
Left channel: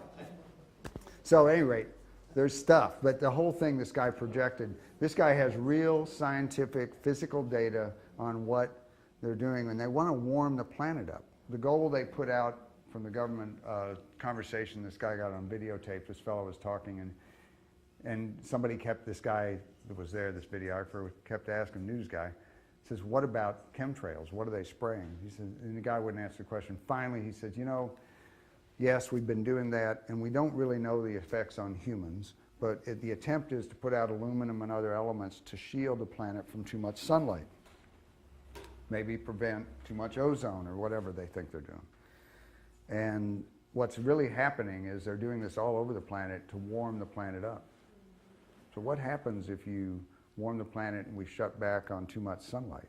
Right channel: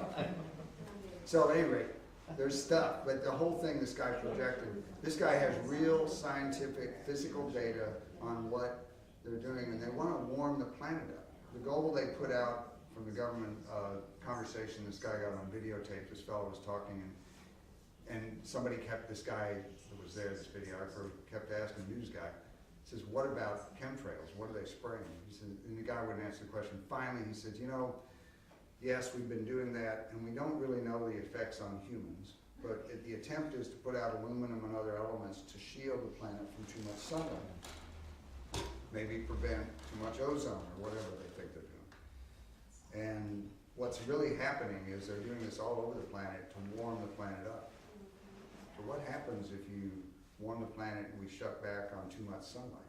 So at any rate, there's stuff, but the whole thing this guy projected, this guy has real scientific, physical data on what they're doing, and they want to warm the planet up. The goal they put out from the government conversation this guy got on videotape, this fellow was talking, and somebody kept, this guy that was there, this videographer, kept asking the news guy, says, what about chemtrails? What are they spraying? He said, and the guy wouldn't answer the question. Finally, he said, you know, yes, we've been doing that, and we don't really know the effects on humans, but the attempt is to put out aluminum and other elements to shield the planet from too much sunlight. Maybe prevent too much ozone or whatever they think they're doing. And what's really happening is they're doing this all over the planet to warm the planet up. So what happens if you warm the planet and we shut back on too much sunlight?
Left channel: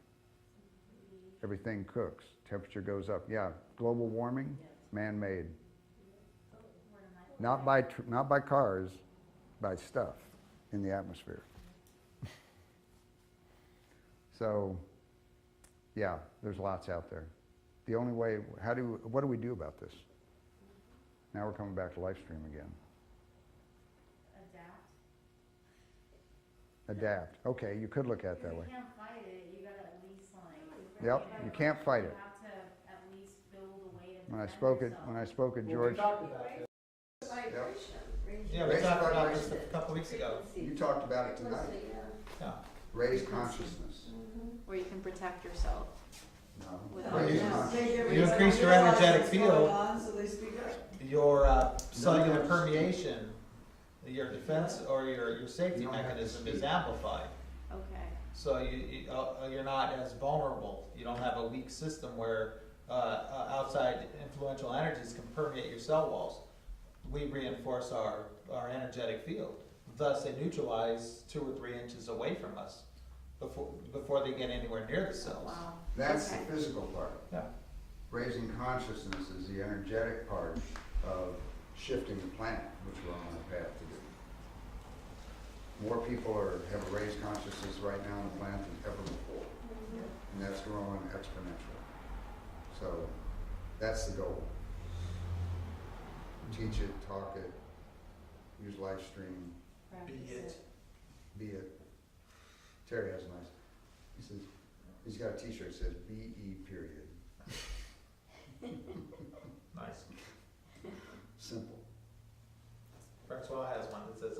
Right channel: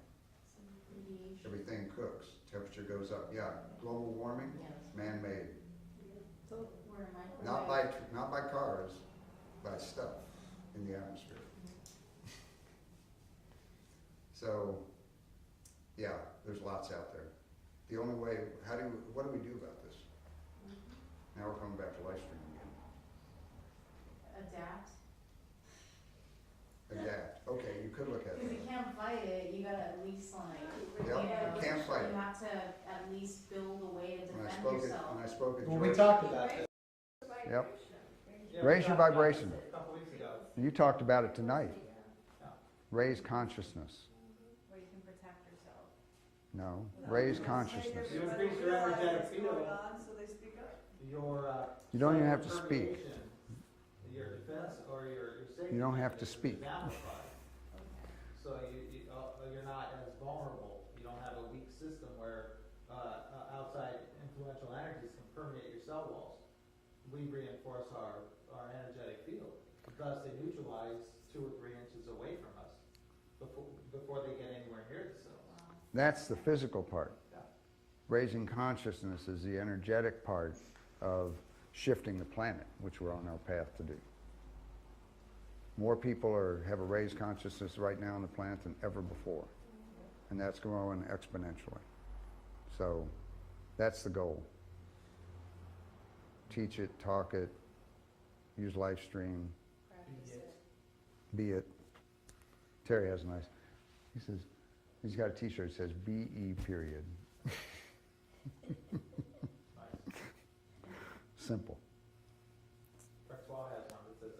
Everything cooks, temperature goes up. Yeah, global warming, man-made. Not by cars, by stuff in the atmosphere. So, yeah, there's lots out there. The only way, what do we do about this? Now we're coming back to Lifestream again. Adapt. Okay, you could look at it that If way. you can't fight it, you gotta at least like. Yep, you can't fight it. You have to at least build a way to When I defend spoke yourself. at Well, we George, talked about this. Yep. Yeah, Raise we your talked about vibration. this a couple weeks ago. you talked about it tonight. Yeah. Raise consciousness. Where you can protect yourself. No, Without raise Yeah. consciousness. You increase your energetic field. So they speak up. Your You don't cellular have to permeation, your defense or your safety You don't have to mechanism speak. is amplified. Okay. So you're not as vulnerable. You don't have a weak system where outside influential energies can permeate your cell walls. We reinforce our energetic field. Thus, they neutralize 2 or 3 inches away from us before they get anywhere near the cells. Wow. That's the Okay. physical part. Yeah. Raising consciousness is the energetic part of shifting the planet, which we're on our path to do. More people have a raised consciousness right now on the planet than ever before, and that's growing exponentially. So that's the goal. Teach it, talk it, use Lifestream, Be it. be it. Terry has a nice, he says, he's got a t-shirt that says BE period. Nice. Simple. Francois has one that says,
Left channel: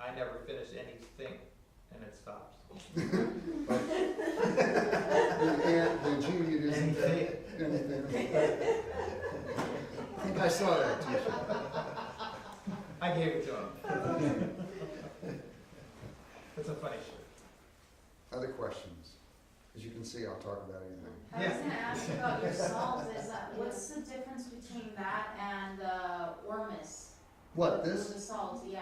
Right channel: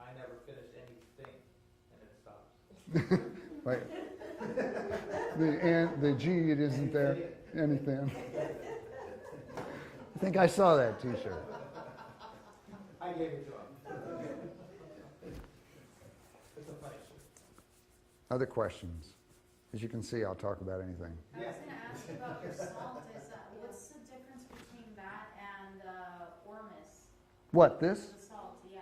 I never finish anything, and it stops. Right? The G, it isn't there. Anything. I think I saw that t-shirt. I gave it to him. It's a funny shirt. Other questions? As you can see, I'll talk about anything. I was gonna ask you about your salt, what's the difference between that and, Ormus? What, The this? salt, yeah.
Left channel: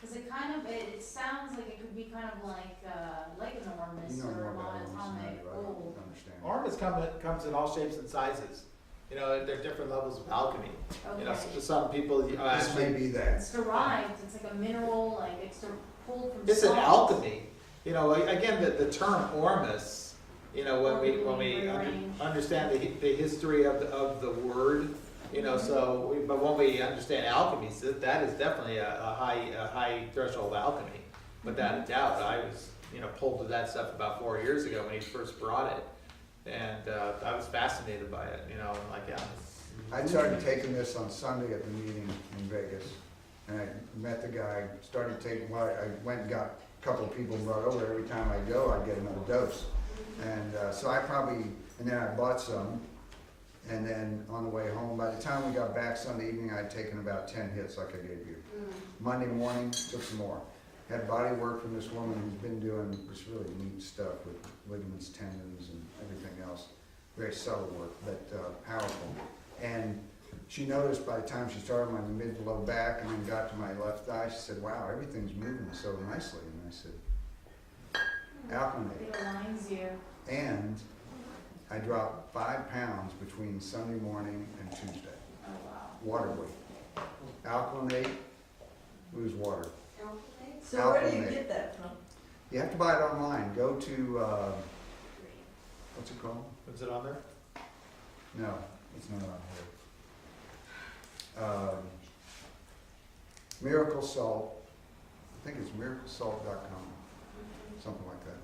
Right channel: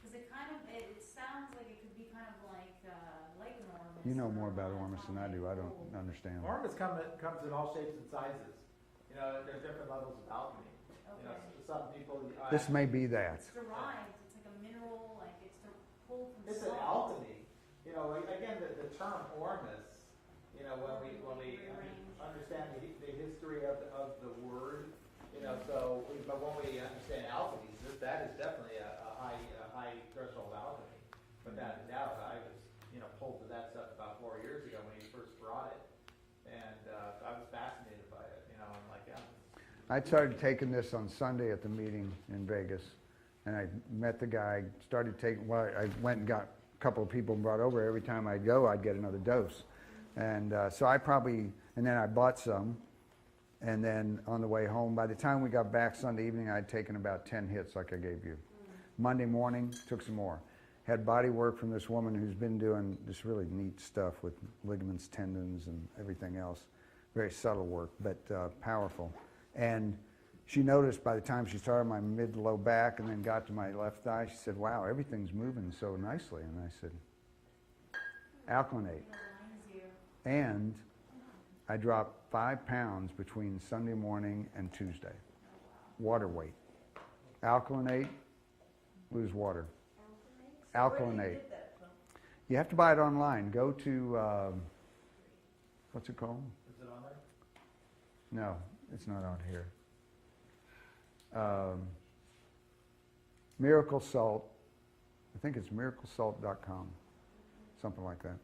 Cause it kind of, it sounds like it could be kind of like an Ormus. You know or more about a Ormus than I do. I monatomic don't rule. understand. Ormus comes in all shapes and sizes. You know, there are different levels of alchemy. You know, Okay. some people. This may be that. It's derived, it's like a mineral, like it's pulled from It's an salt. alchemy. You know, again, the term Ormus. You know, when we Rearrange. understand the history of the word. You know, but when we understand alchemy, so that is definitely a high threshold alchemy, without a doubt. I was pulled to that stuff about 4 years ago when he first brought it, and I was fascinated by it. You know, and like I started taking this on Sunday at the meeting in Vegas, and I met the guy, started taking, well, I went and got a couple of people and brought over. Every time I go, I'd get another dose. And so and then I bought some, and then on the way home, by the time we got back Sunday evening, I had taken about 10 hits like I gave you. Monday morning, took some more. Had body work from this woman who's been doing this really neat stuff with ligaments, tendons, and everything else. Very subtle work, but powerful. And she noticed by the time she started my mid to low back and then got to my left thigh, she said, wow, everything's moving so nicely. And I said, alkalinate. It aligns you. And I dropped 5 pounds between Sunday morning and Tuesday. Oh, wow. Water weight. Alkalinate, lose water. So where do you Alkalinate. get that from? You have to buy it online. Go to, what's it called? is it on there? No, it's not on here. Miracle Salt. I think it's miraclesalt.com. Something like that.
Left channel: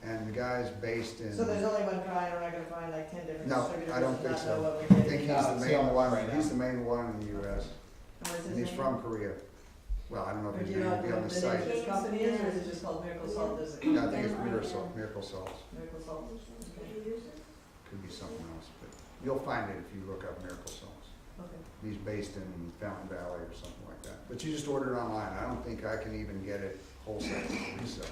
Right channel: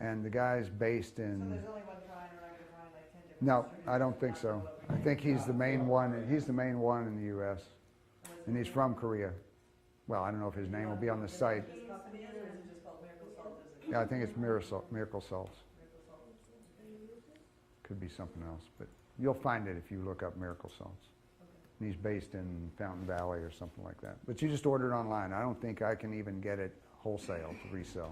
And the guy's based in. So there's only one kind, we're not gonna find like 10 different No, distributors? I don't think Not so. know what we I get. think he's No, the it's main on one. right He's now. the main one in the U.S. And what's his And he's name? from Korea. Well, I don't know if Or his do you name know will be on the what site. name of his company is, or is it just called Miracle Salt? Does it? Yeah, I think it's Miracle Salts. Miracle Salt. Okay. Could be something else, but you'll find it if you look up Miracle Salts. Okay. He's based in Fountain Valley or something like that. But you just order it online. I don't think I can even get it wholesale to resell.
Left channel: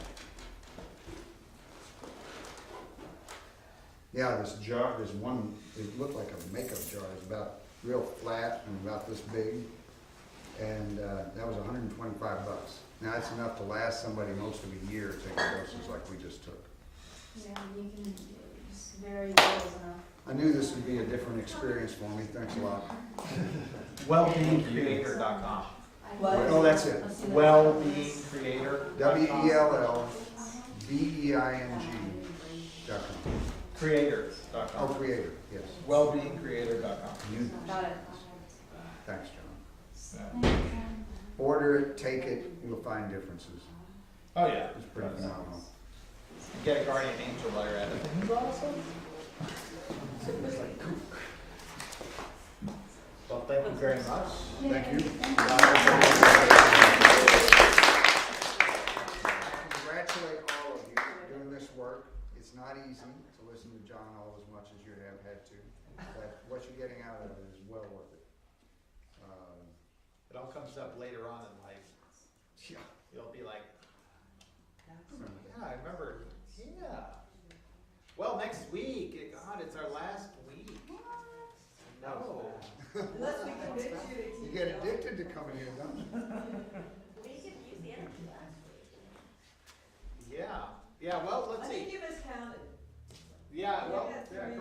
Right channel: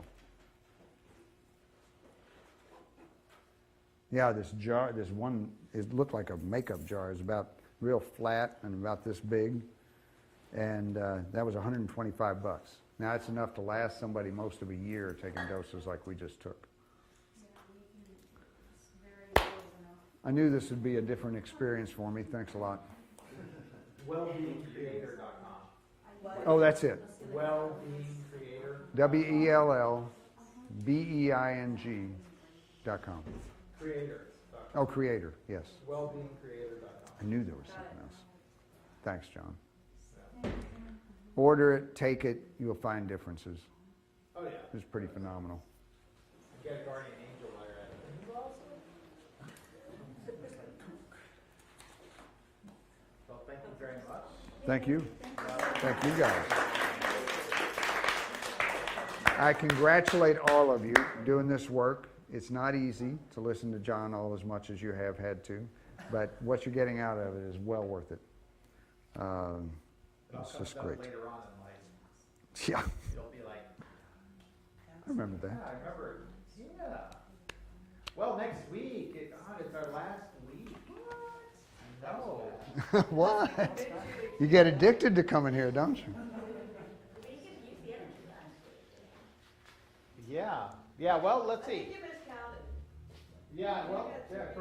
Yeah, this jar, this one, it looked like a makeup jar. It's about real flat and about this big. And that was $125. Now it's enough to last somebody most of a year taking doses like we just took. Yeah, you can just vary those enough. I knew this would be a different experience for me. Thanks a lot. Wellbeingcreator.com. What? Oh, that's it. Wellbeingcreator. WELLBEING.com. Creator.com. Oh, creator, yes. Wellbeingcreator.com. I knew this. Got it. Thanks, John. Yeah. Order it, take it, you'll find differences. Oh yeah. It's pretty phenomenal. Get a guardian angel while you're at it. He's awesome. Well, thank you very much. Thank you. I congratulate all of you doing this work. It's not easy to listen to John all as much as you have had to, but what you're getting out of it is well worth it. It all It's comes just up great. later on in life. Yeah, You'll be like, I remember yeah, that. I remember. Yeah. Well, next week. God, it's our last week. No. What? You get addicted to coming here, don't you? Yeah. Yeah. Well, let's I see. think you miscounted. Yeah. I Well, think that's yeah, pretty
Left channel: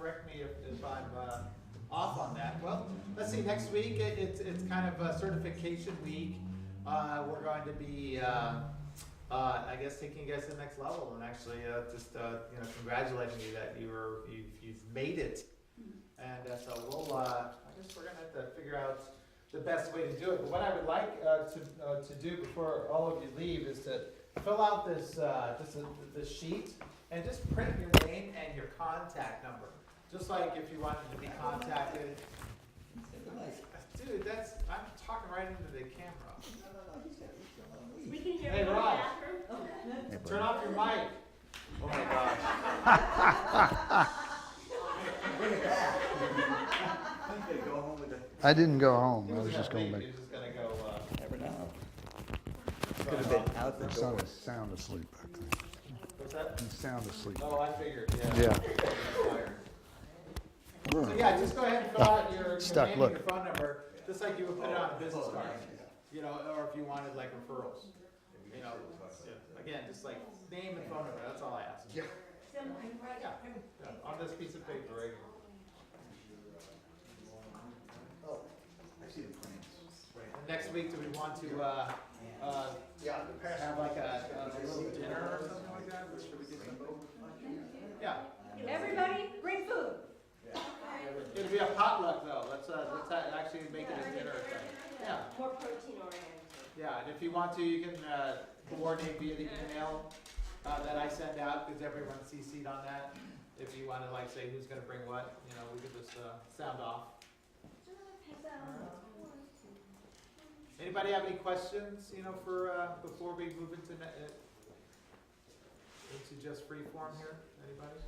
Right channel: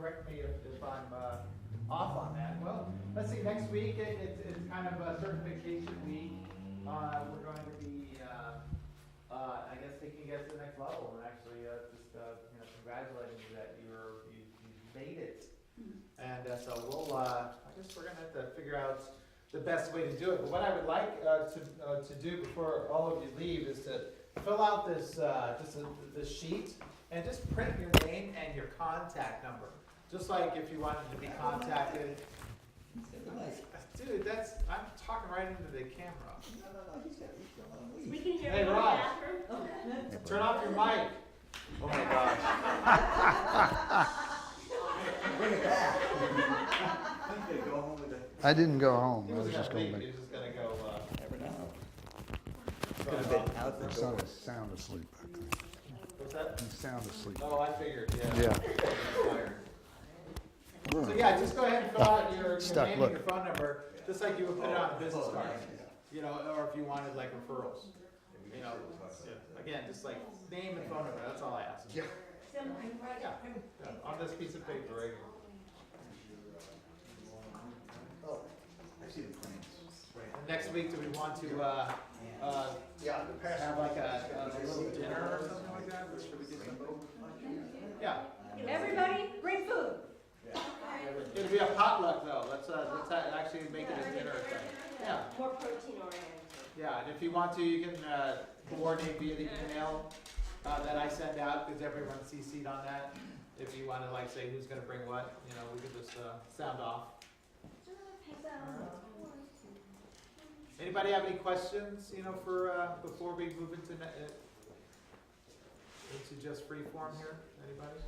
correct me if I'm off on that. Well, let's see, next week, it's kind of a certification week. We're going to be, I guess, taking you guys to the next level, and actually, congratulating you that you've made it. And so I guess we're gonna have to figure out the best way to do it. But what I would like to do before all of you leave is to fill out this this sheet and just print your name and your contact number. Just like if you wanted to be contacted. Dude, I'm talking right into the camera. We can hear Hey, you in the Raj. bathroom. Turn off your mic. Oh my gosh. Bring it back. I'm gonna go home with the. I didn't go home. He I was was just gonna going leave. back. He was just gonna go. Never know. Could Could have been out the My door. son is sound asleep back there. What's that? He's sound asleep. Oh, I figured. Yeah. Yeah. Tired. So yeah, just go ahead and fill out your Stuck, name look. and your phone number, just like you would put it on a business card. You know, or if you wanted like referrals. You know, again, just like name and phone number. That's all I ask. Yeah. On this piece of paper right here. Oh, I see the plans. And next week, do we want to have like a little dinner or something like that? Or should we get some? Yeah. Everybody, bring food. It'll be a potluck though. Let's actually make it a dinner thing. Yeah. More protein oriented. Yeah, and if you want to, you can coordinate via the email that I send out, because everyone's CC'd on that. If you want to like say who's going to bring what, you know, we could just sound off. Anybody have any questions, you know, for before we move into just free form here? Anybody?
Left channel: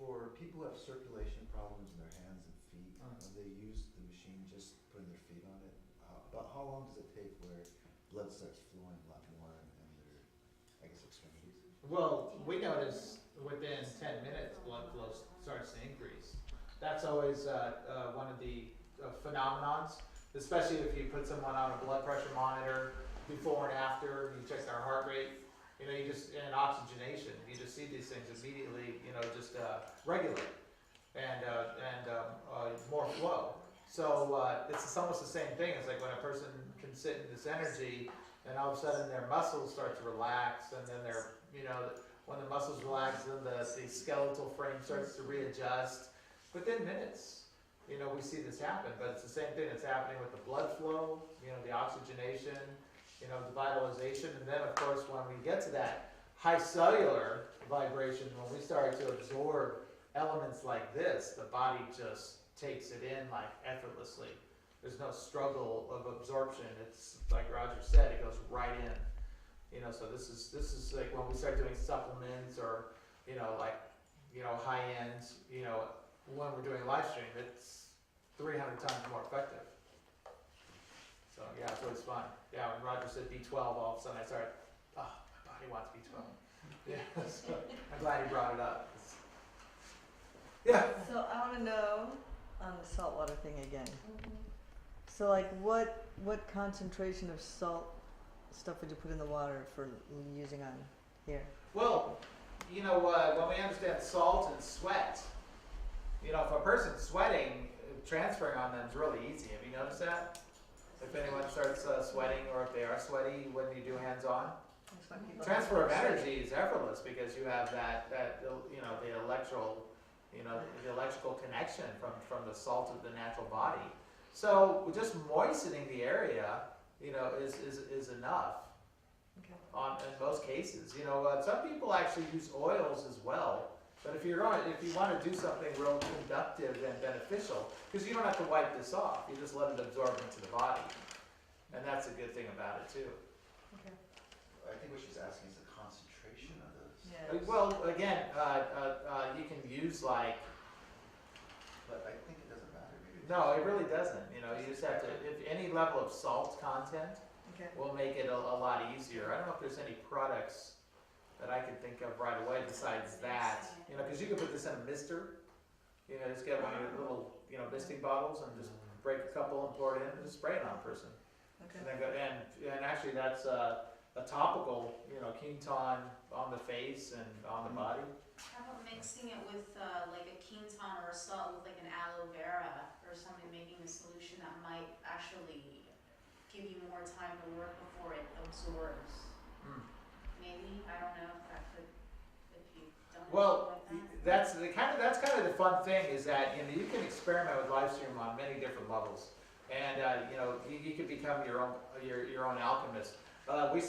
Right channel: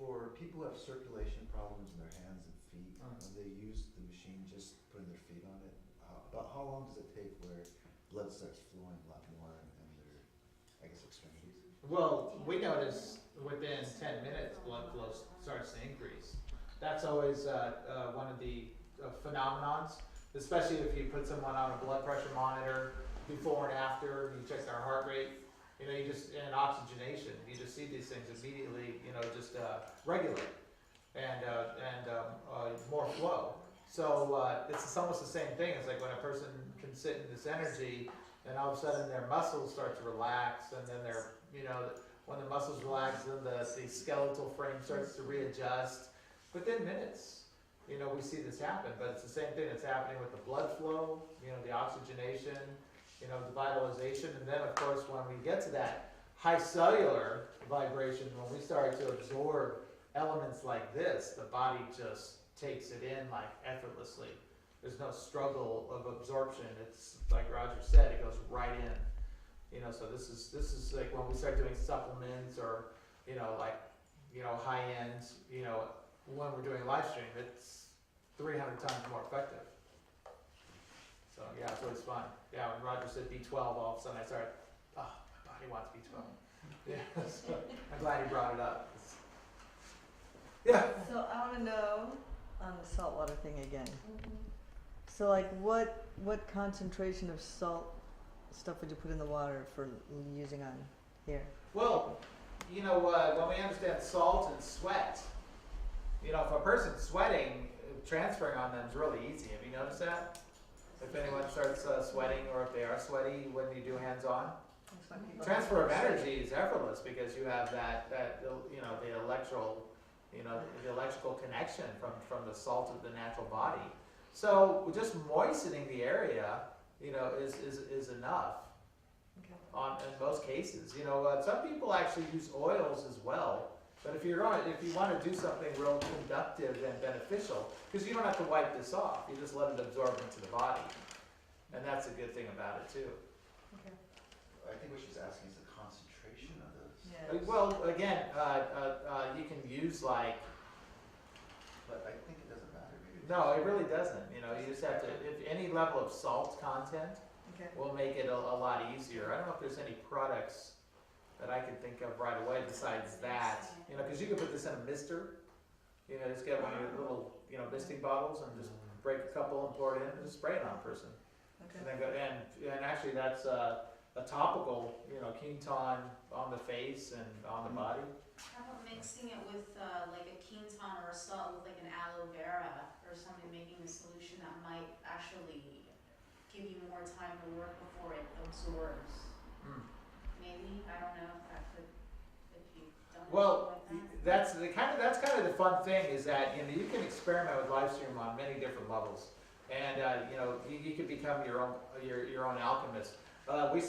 For people who have circulation problems in their hands and feet, they use the machine just putting their feet on it. About how long does it take where blood starts flowing a lot more in their, I guess, extremities? Well, we notice within 10 minutes blood flow starts to increase. That's always one of the phenomenons, especially if you put someone on a blood pressure monitor before and after, you check their heart rate, you know, and oxygenation, you just see these things immediately, you know, just regulate and more flow. So it's almost the same thing. It's like when a person can sit in this energy and all of a sudden their muscles start to relax, and then when the muscles relax, then the skeletal frame starts to readjust. Within minutes, you know, we see this happen, but it's the same thing that's happening with the blood flow, you know, the oxygenation, you know, the vitalization, and then of course when we get to that high cellular vibration, when we start to absorb elements like this, the body just takes it in like effortlessly. There's no struggle of absorption. It's like Roger said, it goes right in. You know, so this is like when we start doing supplements or, you know, like, you know, high end, you know, when we're doing Lifestream, it's 300 times more effective. So yeah, it's always fun. Yeah, when Roger said B12, all of a sudden I started, oh, my body wants B12. Yeah, so I'm glad he brought it up. Yeah. So I wanna know on the saltwater thing again. So like what concentration of salt stuff would you put in the water for using on here? Well, you know, when we understand salt and sweat, you know, if a person's sweating, transferring on them is really easy. Have you noticed that? If anyone starts sweating, or if they are sweaty, when you do hands-on, transfer of energy is effortless because you have that you know, the electrical connection from the salt of the natural body. So just moistening the area, you know, is enough. Okay. In most cases, you know, some people actually use oils as well. But if you want to do something real conductive and beneficial, because you don't have to wipe this off, you just let it absorb into the body, and that's a good thing about it too. Okay. I think what she's asking is the concentration of those. Yeah. Well, again, you can use like. But I think it doesn't matter. Maybe No, it really doesn't. You know, you just have to. If any level of salt content Okay. will make it a lot easier. I don't know if there's any products that I can think of right away besides that. You know, because you can put this in a mister. You know, just get one of your little, you know, misting bottles and just break a couple and pour it in and just spray it on a person. Okay. And then go and actually that's a topical, you know, Quinton on the face and on the body. How about mixing it with like a Quinton or a salt with like an aloe vera or something, making a solution that might actually give you more time to work before it absorbs. Mm. Maybe, I don't know if that could, if you don't Well, like that. that's kind of the fun thing is that, you know, you can experiment with Lifestream on many different levels, and you know, you can become your own alchemist. We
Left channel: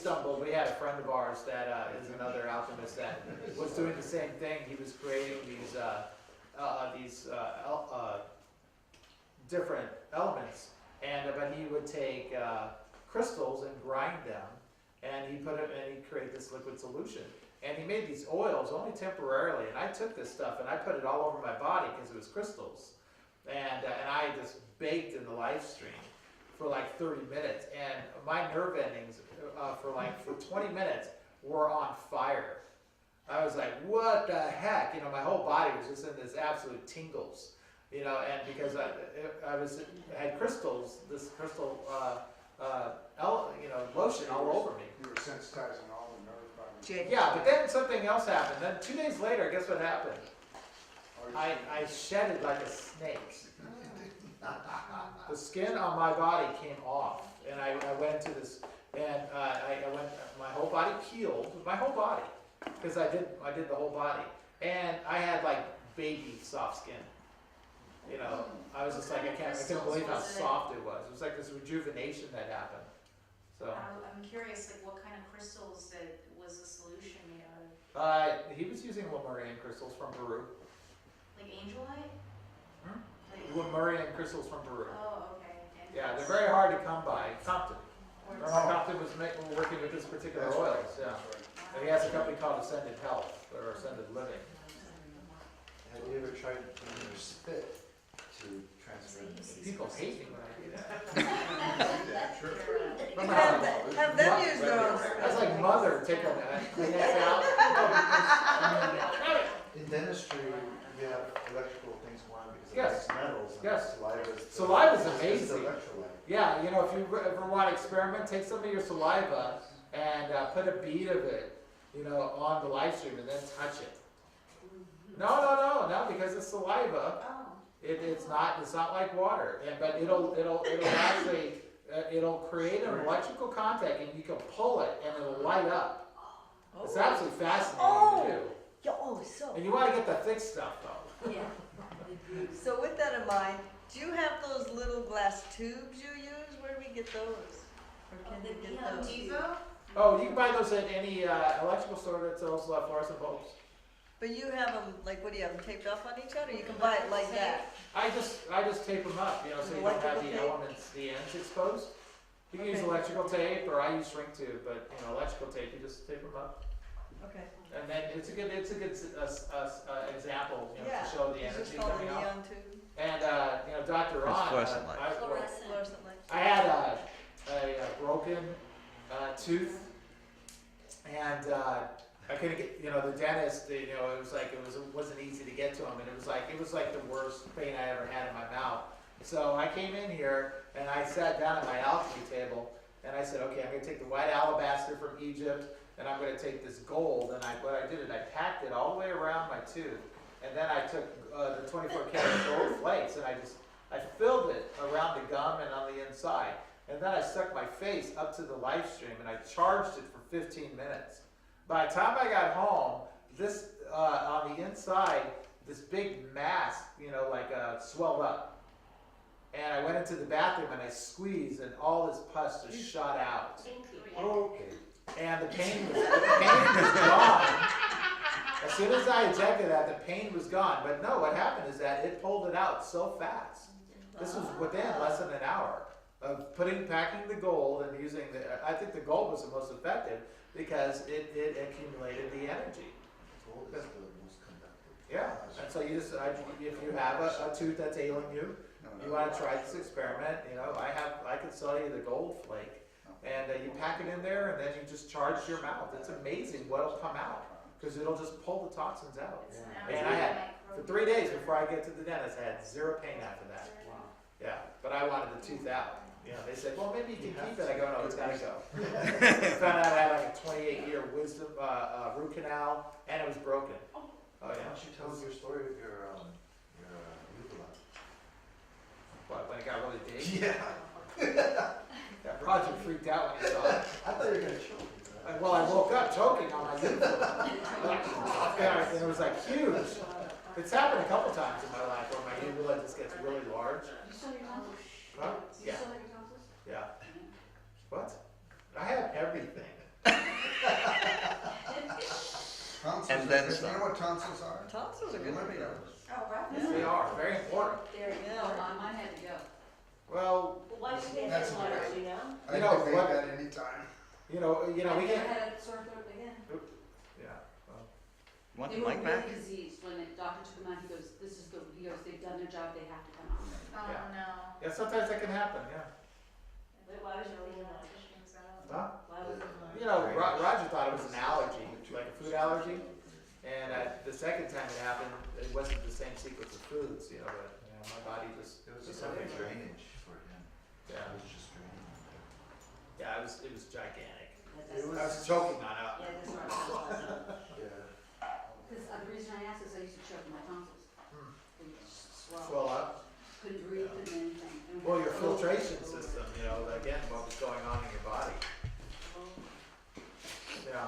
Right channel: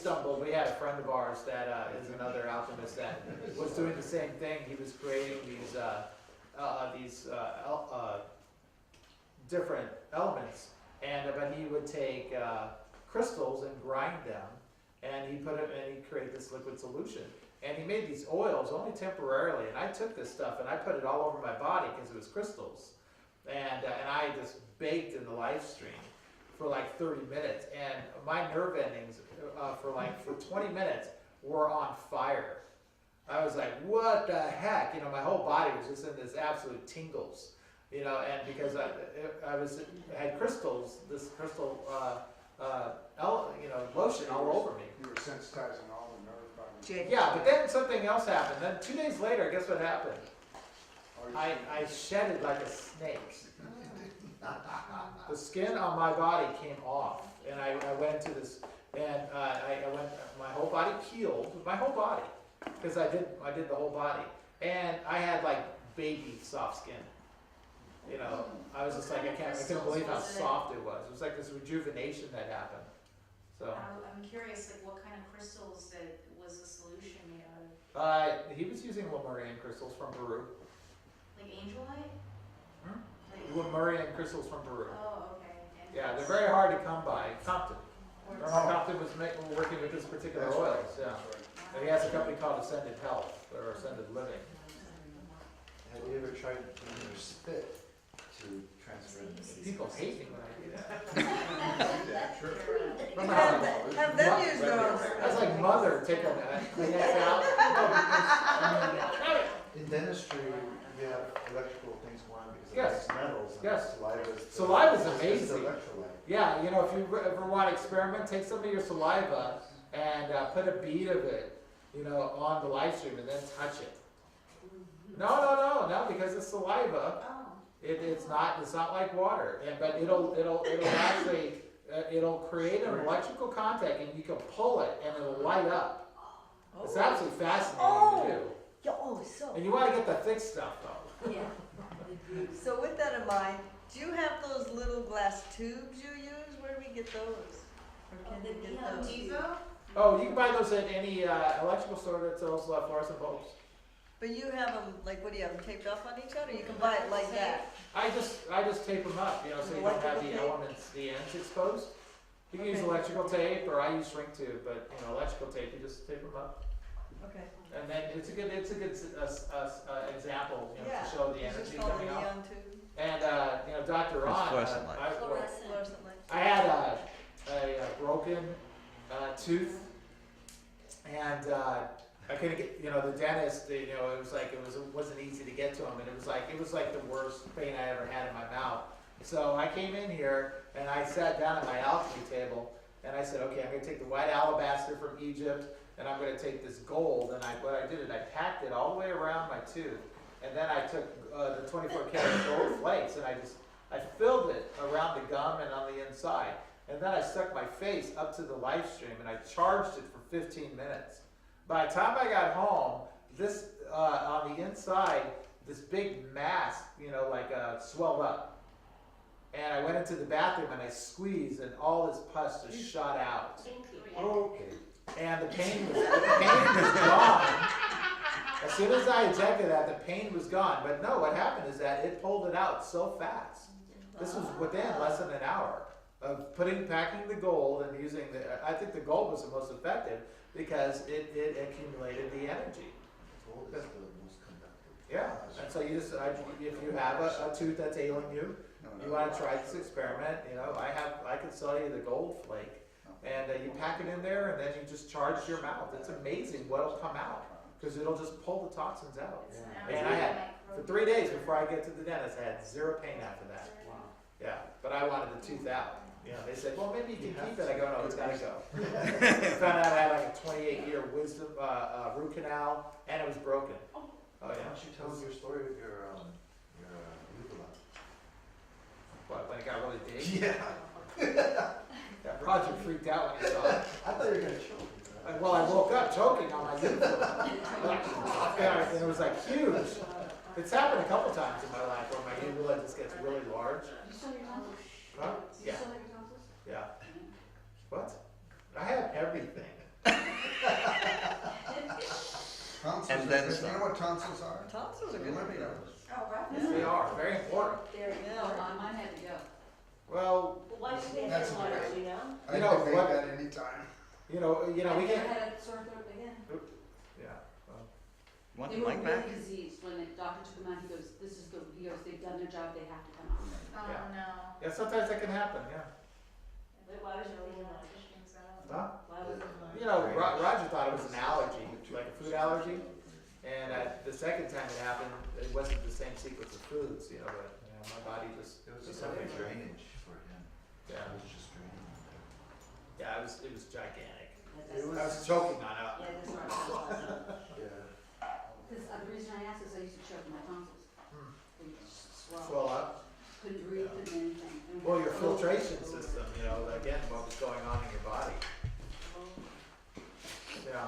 had a friend of ours that is another alchemist that was doing the same thing. He was creating these different elements, but he would take crystals and grind them, and he'd create this liquid solution. And he made these oils only temporarily, and I took this stuff and I put it all over my body because it was crystals, and I just baked in the Lifestream for like 30 minutes, and my nerve endings for 20 minutes were on fire. I was like, what the heck? You know, my whole body was just in this absolute tingles, you know, and because I had crystals, this crystal, lotion all over me. You were sensitizing all the nerve fibers. Yeah, but then something else happened. Then 2 days later, guess what happened? I shedded like a snake. The skin on my body came off, and I went to this, and my whole body peeled, my whole body, because I did the whole body, and I had like baby soft skin. You know, I was just like, I couldn't believe how soft it was. It was like this rejuvenation that happened. So I'm curious, like what kind of crystals that was the solution made out of? he was using Lemurian crystals from Peru. Like angelite? Lemurian crystals from Peru. Oh, okay. And Yeah, they're very hard to come by. Compton. Compton was working with this particular That's oils. right. Yeah. That's right. And he has a company called Ascended Health or Ascended Living. Have you ever tried putting your spit to transfer it? People hate me when I do that. Have them use those. That's like mother taking a Kleenex out. In dentistry, you have electrical things going on because Yes. of metals. And Yes. Saliva's Saliva's amazing. electrolyte. Yeah, you know, if you ever want to experiment, take some of your saliva and put a bead of it, you know, on the Lifestream and then touch it. No, because it's saliva. Oh. It's not like water, but it'll actually it'll create an electrical contact, and you can pull it, and it'll light up. It's absolutely fascinating to do. So. And you want to get the thick stuff though. Yeah. So with that in mind, do you have those little glass tubes you use? Where do we get those? Or can you get those? Devo? Oh, you can buy those at any electrical store that sells fluorescent bulbs. But you have them, like, what do you have them taped off on each other? You can buy it like that. I just tape them up, you know, so you don't have the Electrical tape? elements, the ends exposed. You can use Okay. electrical tape, or I use shrink tube, but you know, electrical tape, you just tape them up. Okay. And then it's a good example, you know, Yeah. to show the Is this energy called a coming out. neon tube? And you know, Dr. It's Ron, fluorescent light. Fluorescent light? I had a broken tooth, and I couldn't get, you know, the dentist, you know, it wasn't easy to get to him, and it was like the worst pain I ever had in my mouth. So I came in here and I sat down at my alchemy table, and I said, okay, I'm going to take the white alabaster from Egypt, and I'm going to take this gold, and what I did is I packed it all the way around my tooth, and then I took the 24 karat gold flakes, and I filled it around the gum and on the inside, and then I stuck my face up to the Lifestream, and I charged it for 15 minutes. By the time I got home, this on the inside, this big mass, you know, swelled up. And I went into the bathroom and I squeezed, and all this pus just shot out. Okay. And the pain was gone. As soon as I ejected that, the pain was gone. But no, what happened is that it pulled it out so fast. This was within less than an hour of packing the gold and using I think the gold was the most effective because it accumulated the energy. Gold is the most conductive. Yeah, and so if you have a tooth that's ailing you, you want to try this experiment, you know, I could sell you the gold flake, and you pack it in there, and then you just charge your mouth. It's amazing what'll come out, because it'll just pull the toxins out. And I had, for 3 days before I get to the dentist, I had zero pain after that. Yeah, but I wanted the tooth out. You know, they said, well, maybe you can keep it. I go, no, it's gotta go. Found out I had like a 28-year wisdom, root canal, and it was broken. Oh, Why yeah. don't you tell us your story with your uvula? What, when it got really big? Yeah. That project freaked out when he saw it. I thought you were gonna choke. Well, I woke up choking on my uvula. Yeah, and it was like huge. It's happened a couple times in my life where my uvula just gets really large. You still have your tonsils? Huh? You Yeah, still have your tonsils? yeah. What? I have everything. Tonsils, And then you some. know what tonsils are? Tonsils are good for you. Oh, wow. Yes, they are, very important. There, Yeah. mine had to go. Well, Well, why did you That's get that okay. you know? I You know can make what- that anytime. we I can, had a sore throat again. yeah. Want They the were mic back? really diseased. When the doctor took them out, he goes, they've done their job, they have to come out. Oh, Yeah. no. Yeah, sometimes that can happen, yeah. But why was your thing like? Huh? Why was it? You know, Roger thought it was an allergy, like a food allergy. And the second time it happened, it wasn't the same sequence of foods, you know, but my body just. It was just like a drainage for him. Yeah, It was just draining. yeah, it was gigantic. That's- I was choking on it. Yeah, that's what I thought. Yeah. Because the reason I asked is I used to choke my tonsils. Hmm. They just swell. Swell up. Couldn't breathe, couldn't do anything. And Well, your over- filtration over- system, you know, again, what was going on in your body. over. Yeah.